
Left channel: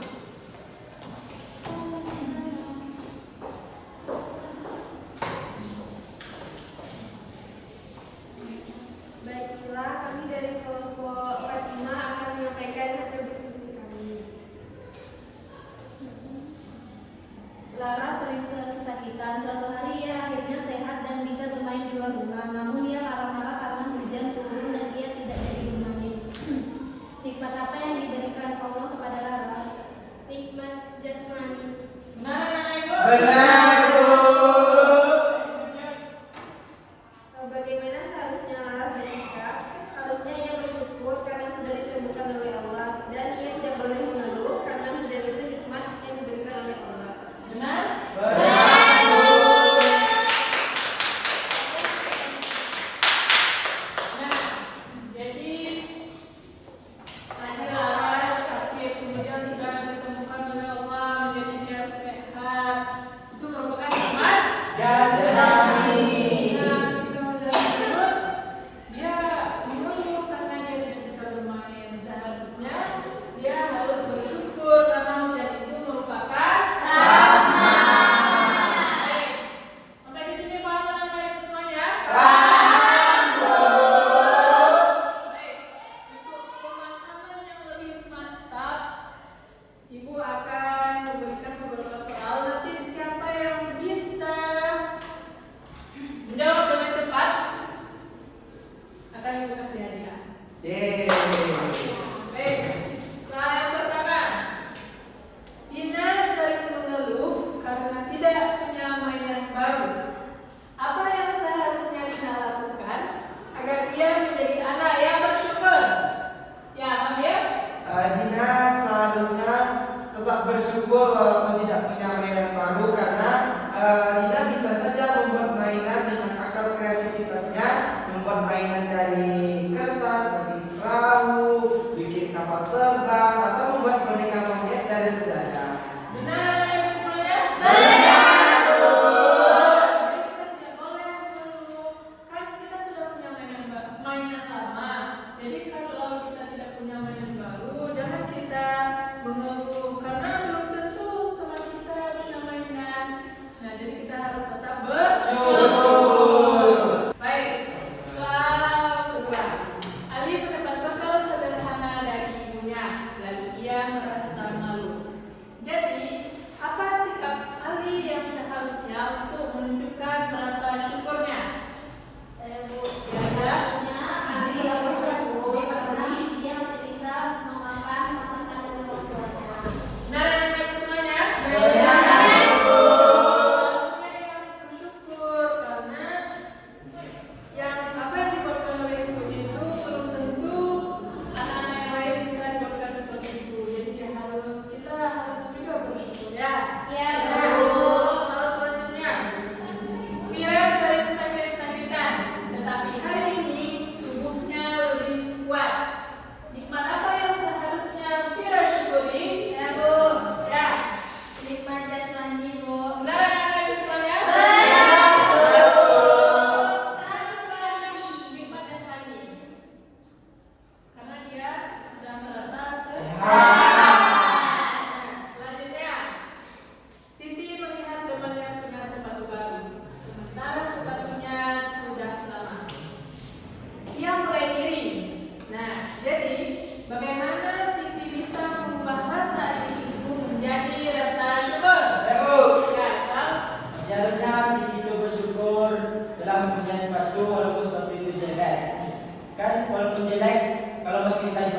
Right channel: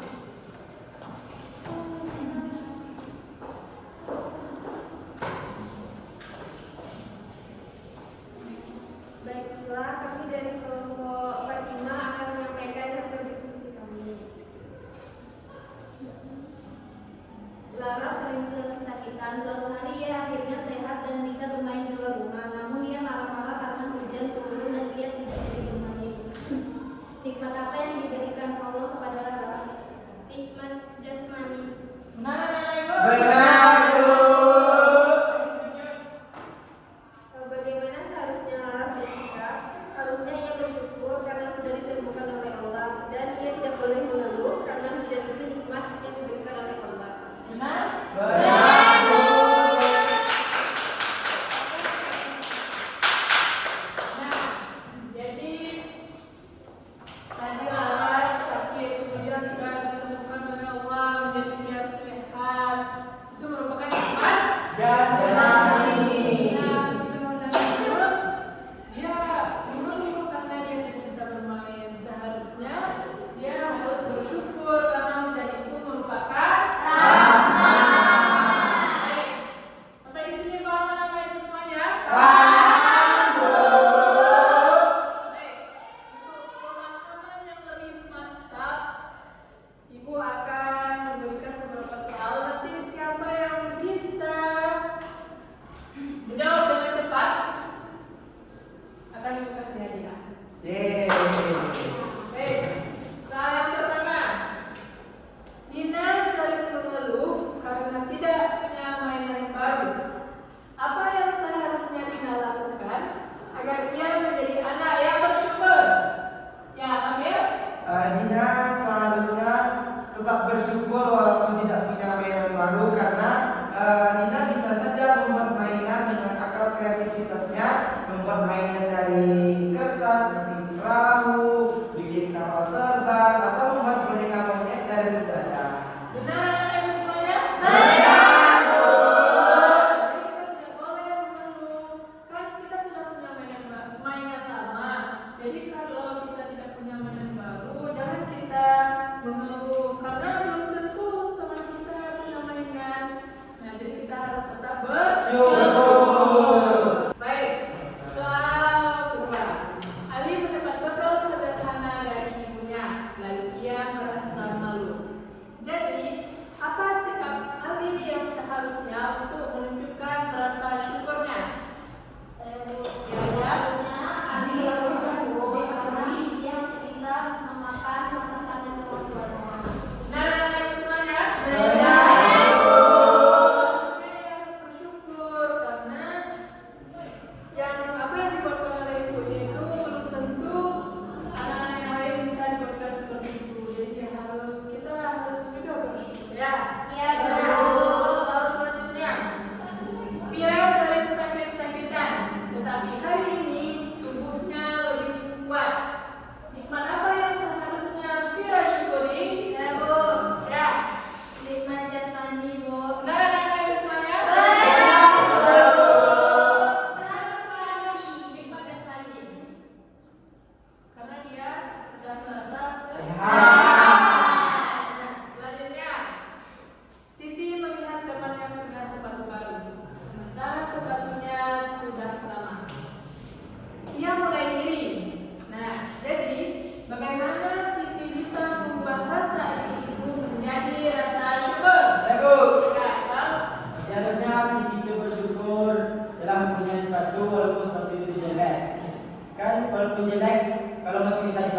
Baiklah, kami dari kelompok Fatimah akan menyampaikan hasil diskusi kami. Lara sering kesakitan. Suatu hari ia akhirnya sehat dan bisa bermain di luar rumah. Namun ia marah-marah karena hujan turun dan ia tidak jadi bermain. Nikmat apa yang diberikan Allah kepada Laras? Nikmat jasmani. Benar anak-anak ibu? Benar, Bu. Bagaimana seharusnya Laras bersikap? Harusnya ia bersyukur karena sudah disembuhkan oleh Allah, dan ia tidak boleh mengeluh karena hujan itu nikmat yang diberikan oleh Allah. Benar? Benar, Bu. Nah, jadi tadi Laras sakit, kemudian sudah disembuhkan oleh Allah, menjadi dia sehat. Itu merupakan nikmat Jasmani. yang kita mendapat. Dia mengeluh karena dia tidak bisa bermain. Seharusnya dia harus bersyukur karena hujan itu merupakan rahmat. Baik. Sampai di sini paham anak-anak ibu semuanya? Paham, Bu. Baik, untuk pemahaman yang lebih mantap, Ibu akan memberikan beberapa soal. Nanti siapa yang bisa menjawab dengan cepat akan Ibu kasih hadiah. Yeay. Baik, soal yang pertama. Dina sering mengeluh karena tidak punya mainan baru. Apa yang seharusnya Dina lakukan agar ia menjadi anak yang bersyukur? Ya, panggil. Dina seharusnya tetap bersyukur walaupun tidak punya mainan baru karena Dina bisa saja membuat mainan dengan akal kreativitasnya, membuat mainan dari kertas seperti perahu, bikin kapal terbang, atau membuat boneka monyet dari sejadah. Benar, ibu semuanya? Benar, Bu. Jadi kita tidak boleh mengeluh. Kan kita sudah punya mainan lama. Jadi kalau kita tidak punya mainan baru, jangan kita mengeluh karena belum tentu teman kita punya mainan. Nah, jadi kita harus tetap bersyukur. Baik, soal kedua. Ali mendapat bekal sederhana dari ibunya, lalu ia merasa malu. Jadi, apa sikap Ali yang seharusnya untuk menunjukkan rasa syukurnya? Saya Ya, harusnya Ali bersyukur karena dia masih bisa memakan masakan dari orang tuanya. Nah, anak-anak semuanya. Benar, Bu. Seharusnya dia harus bersyukur karena apa yang dibuatkan oleh ibunya itu belum tentu anak-anak yang lain bisa dibuatkan seperti itu. Jadi kita harus juga bersyukur ya. Iya, Bu. Soal selanjutnya. Mira sering sakit-sakitan, tetapi hari ini tubuhnya lebih kuat. Nikmat apa yang seharusnya Mira syukuri? Ya, Bu. Ya. Nikmat jasmani, Bu. Benar anak-anak semuanya? Nikmat jasmani. Karena dia sudah merasa sehat. Selanjutnya, Siti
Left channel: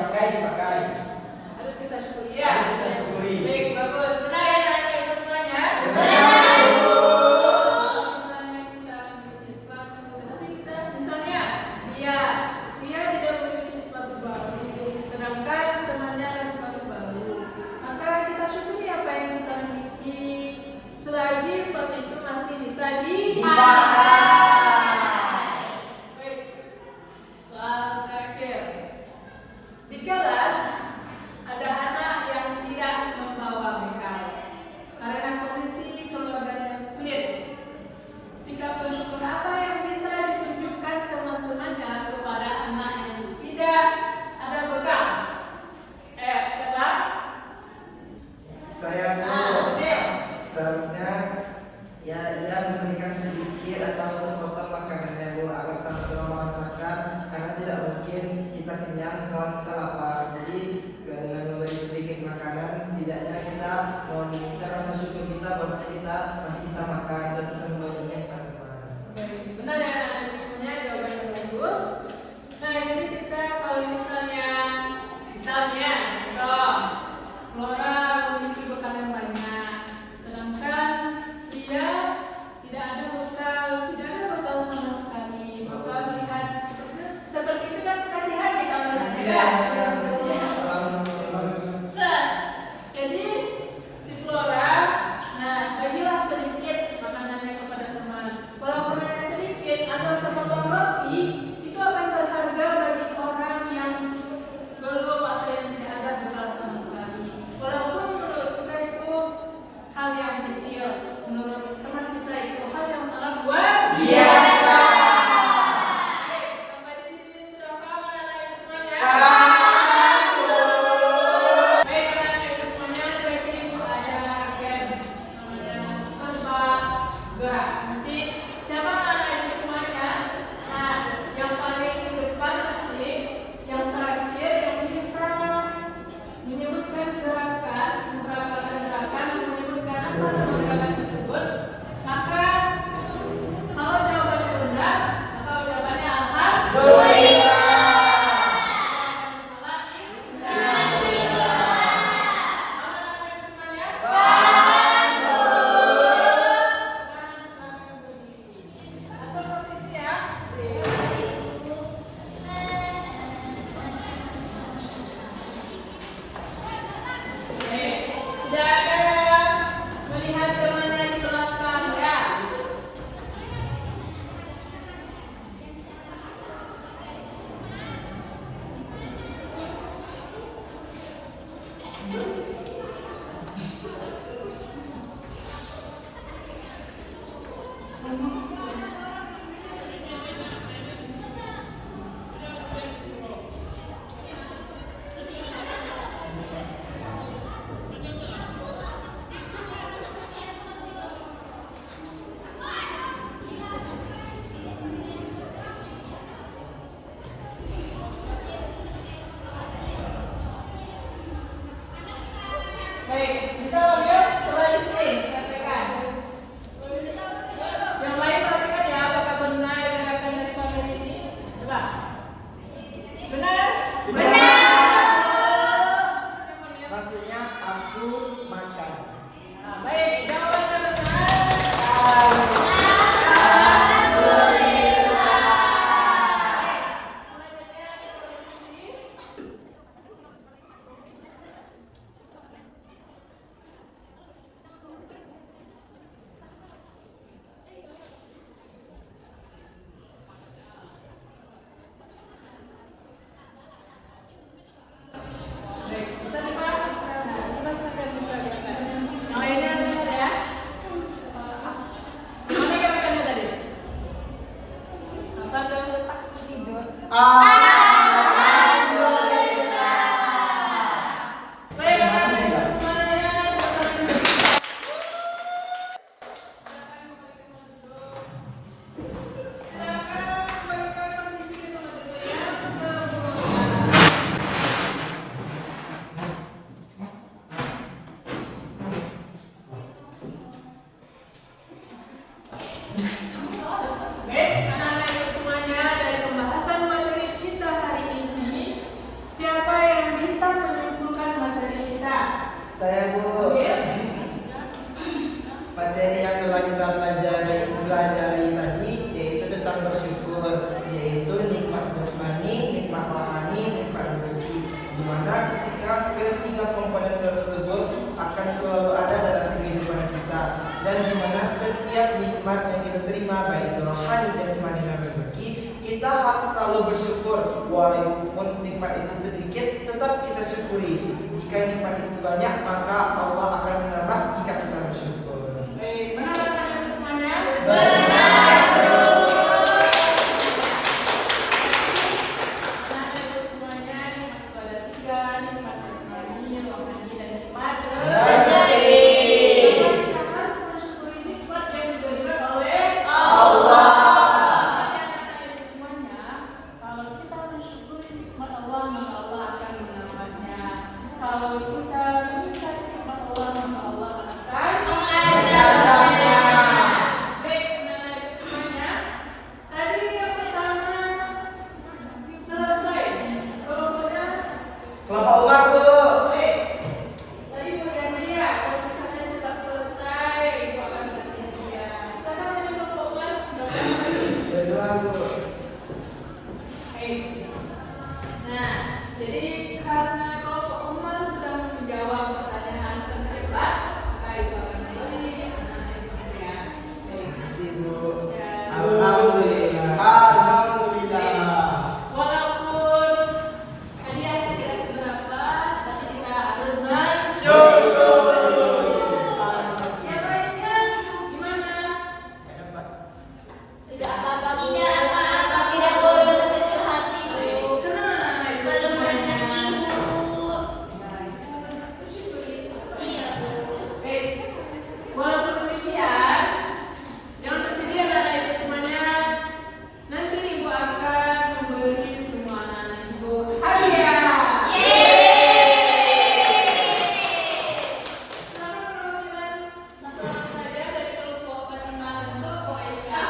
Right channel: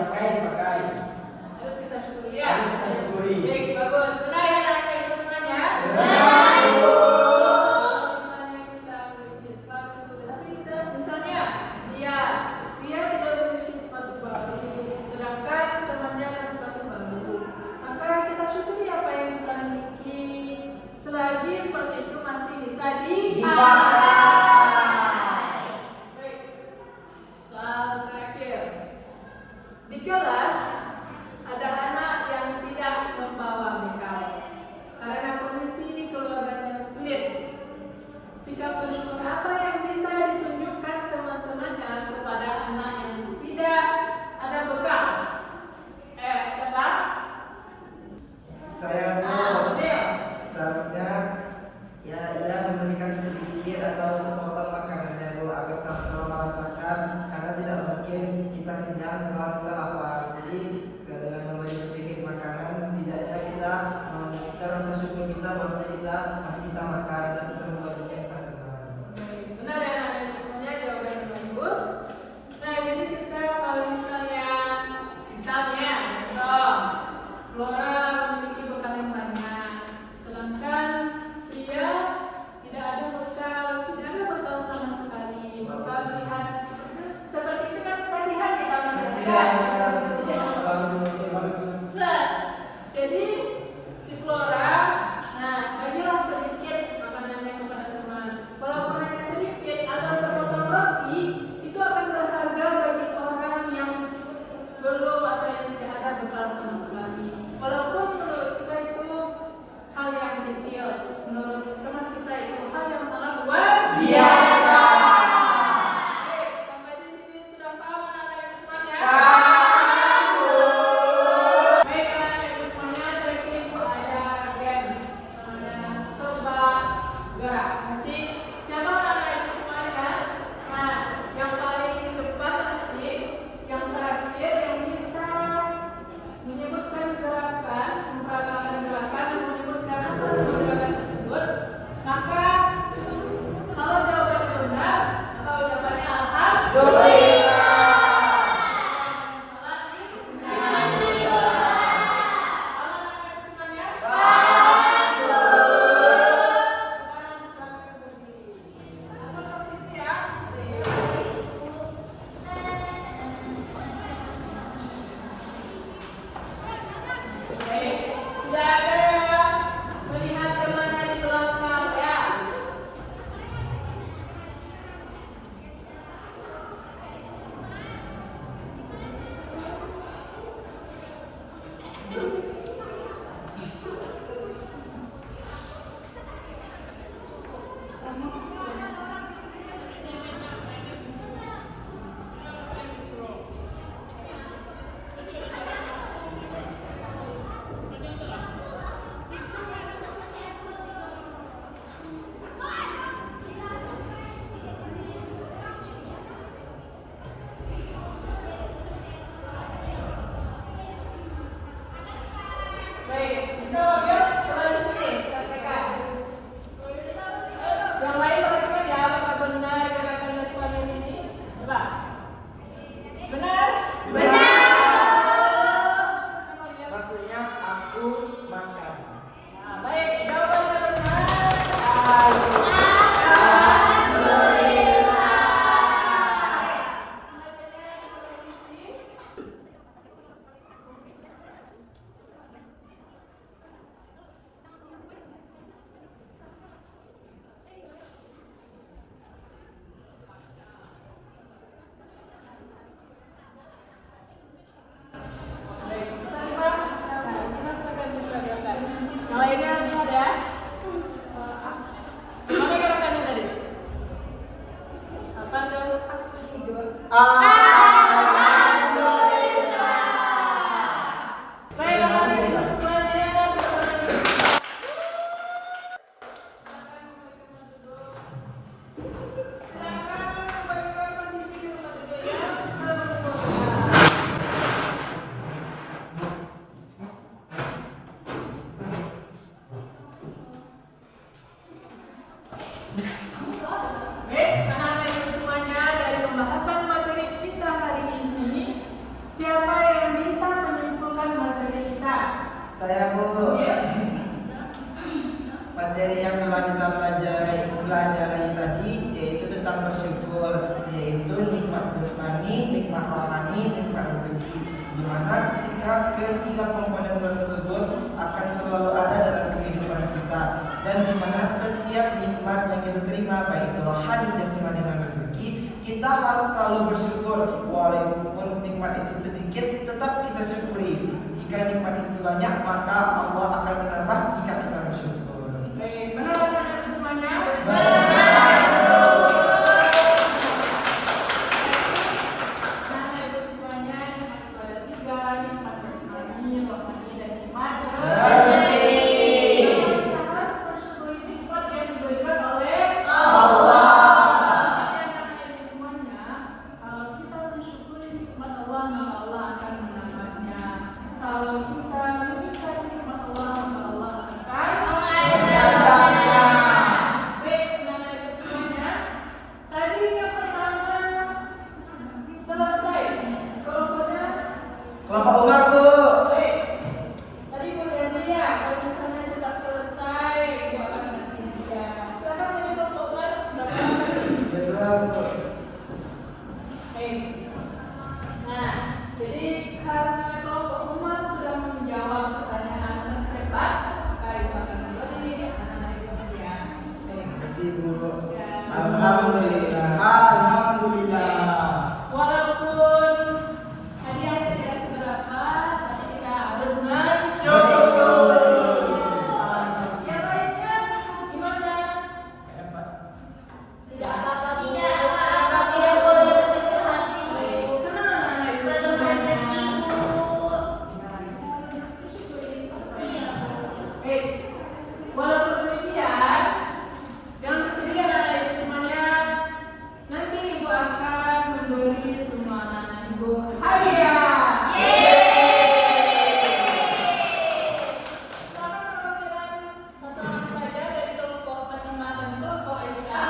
dipakai. Harus kita syukuri ya. Harus kita syukuri. Baik, bagus. Benar ya anak-anak ibu semuanya? Benar, Bu. Misalnya kita memiliki sepatu, tapi kita misalnya dia tidak memiliki sepatu baru, sedangkan temannya ada sepatu baru. Maka kita syukuri apa yang kita miliki, selagi sepatu itu masih bisa dipakai. Baik. Soal terakhir. Di kelas ada anak yang tidak membawa bekal karena kondisi keluarganya sulit. Sikap bersyukur apa yang bisa ditunjukkan teman-temannya kepada anak yang tidak ada bekal? Siapa? Saya Adel. seharusnya ia memberikan sedikit atau sepotong makanannya Bu agar sama-sama merasakan, karena tidak mungkin kita kenyang kalau kita lapar. Jadi dengan memberi sedikit makanan setidaknya kita menunjukkan rasa syukur kita bahwa kita masih bisa makan dan kita membaginya kepada teman. Benar ya anak-anak semuanya, jawaban yang bagus. Nah di sini kita kalau misalnya contoh Flora memiliki bekal yang banyak, sedangkan dia tidak ada bekal sama sekali. Bekal lihat seperti itu kan kasihan kita melihat. Nah, jadi si Flora, bagilah sedikit makanannya kepada teman. Walaupun hanya sedikit atau sepotong roti, itu akan berharga bagi orang yang belum atau yang tidak ada bekal sama sekali. Walaupun menurut kita itu hal yang kecil, menurut teman kita itu hal yang sangat luar Biasa. Baik, sampai di sini sudah paham anak-anak ibu semuanya? Paham, Bu. Baik anak-anak ibu semuanya, terima pelajari tadi yaitu tentang bersyukur, yaitu nikmat jasmani, nikmat rohani, nikmat rezeki, di mana ketika ketiga komponen tersebut akan selalu ada dalam kehidupan kita, dan di mana setiap nikmat yang kita terima baik itu rohani, jasmani dan rezeki, kita harus selalu bersyukur. Walaupun nikmat itu sedikit, tetap kita syukuri. Jika nikmat itu banyak, maka Allah akan menambah jika kita bersyukur. Baik, benar anak-anak semuanya? Kelompok Umar, Bu. Tadi Bu dan Ria, kalau misalnya cepat selesai, Ibu akan kasih dia. Silakan menjadi kelompok Umar. Jadwal, Bu. Baik. Nah, jadi karena kelompok Umar sudah menjawab pertanyaan dengan cepat, maka Ibu akan memberi anak-anak Ibu dia. Baik. Terima kasih, Bu. Ya. Alhamdulillah. Alhamdulillah. Walaupun hadiahnya tidak seberapa, tapi kita harus Syukur. Ya baiknya, gimana? Tidak apa-apa, Bu. Tidak boleh berkecil hati, Bu. Kenapa anak-anak itu Belum semuanya? rezeki, Bu. Harus bersyukuri. Iya, Bu. Baik, walaupun demikian, jangan bersedih anak-anak ibu semuanya. Nanti ibu akan memberi semua anak-anak ibu hadiah. Silakan perwakilan satu orang saja dari kelompok Fatimah dan kelompok Aisyah.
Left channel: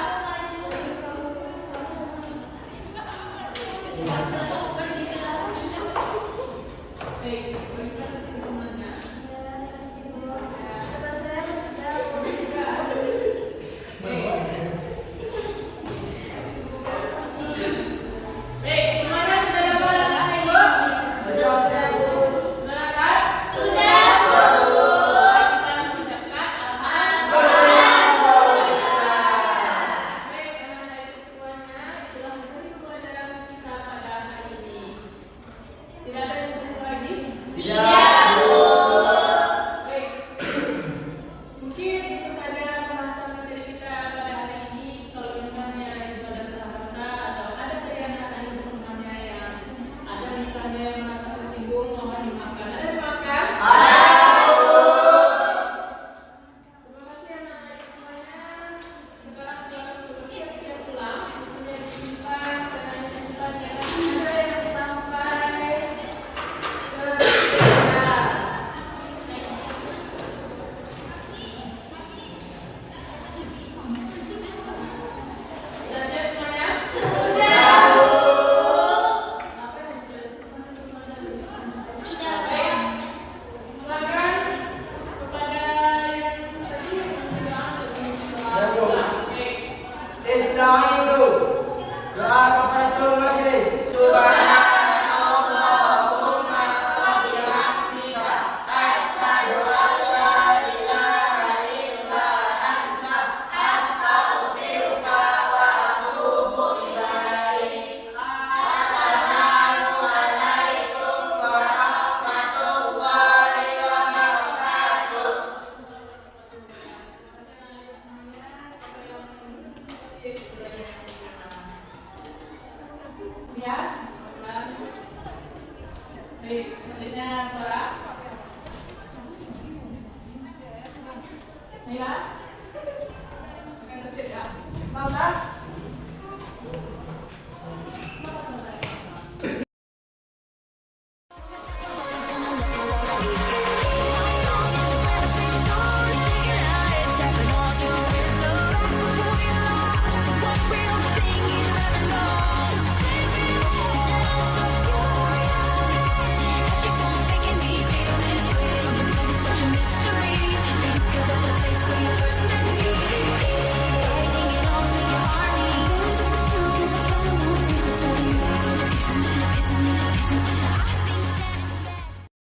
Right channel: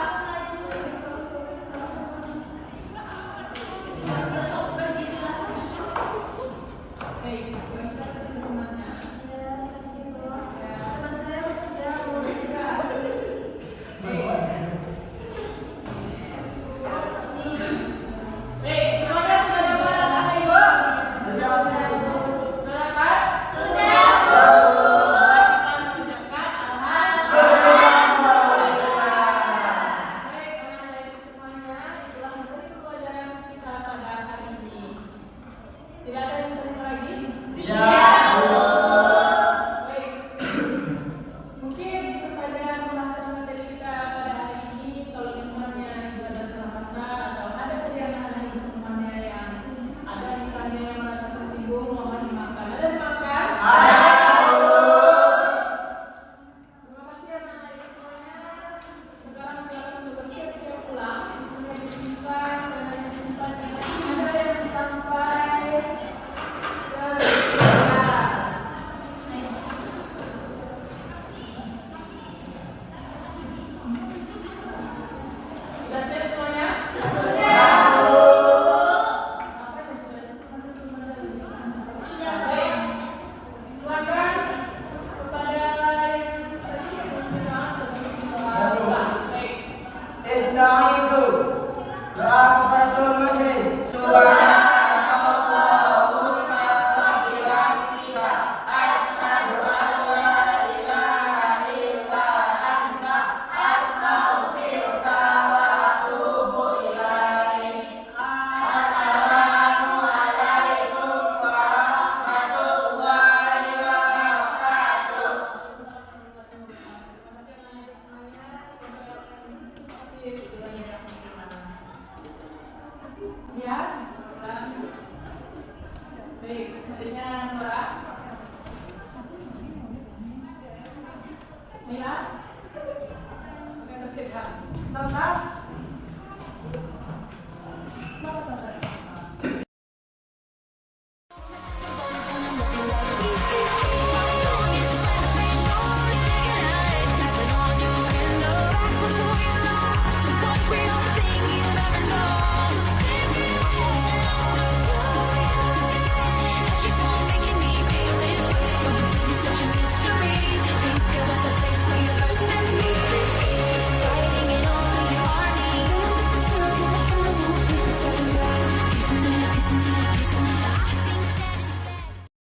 Baik, berikan dukungannya. Baik, silakan sudah dapat anak ibu? Sudah dapat? Sudah, Bu. Kita mengucapkan baik, anak-anak ibu semuanya, telah menjadi pelajaran kita pada hari ini. Tidak ada yang perlu lagi? Tidak, Bu. Baik. Mungkin itu saja pembahasan materi kita pada hari ini. Kalau misalnya ibu ada salah kata atau ada dari anak-anak ibu semuanya yang ada misalnya yang merasa tersinggung, mohon dimaafkan. Ada dimaafkan? Terima kasih anak-anak ibu semuanya. Sekarang silakan untuk bersiap-siap pulang. Punya disimpan, punya disimpan yang ada yang sampai ke sudah siap semuanya? Sudah, Bu. Apa yang sudah teman-teman Tidak, baik. Bu. Silakan kepada yang tadi yang berdoa Ya, Bu. baik. Istaizu. Doa kepada Tuhan Majelis. Subhanallahumma wa bihamdika asyhadu an la ilaha illa anta astaghfiruka wa atubu ilaik. Assalamualaikum warahmatullahi wabarakatuh. Ya, baik, selanjutnya Nora. Mila, oke, tertib, Kak. Sandra.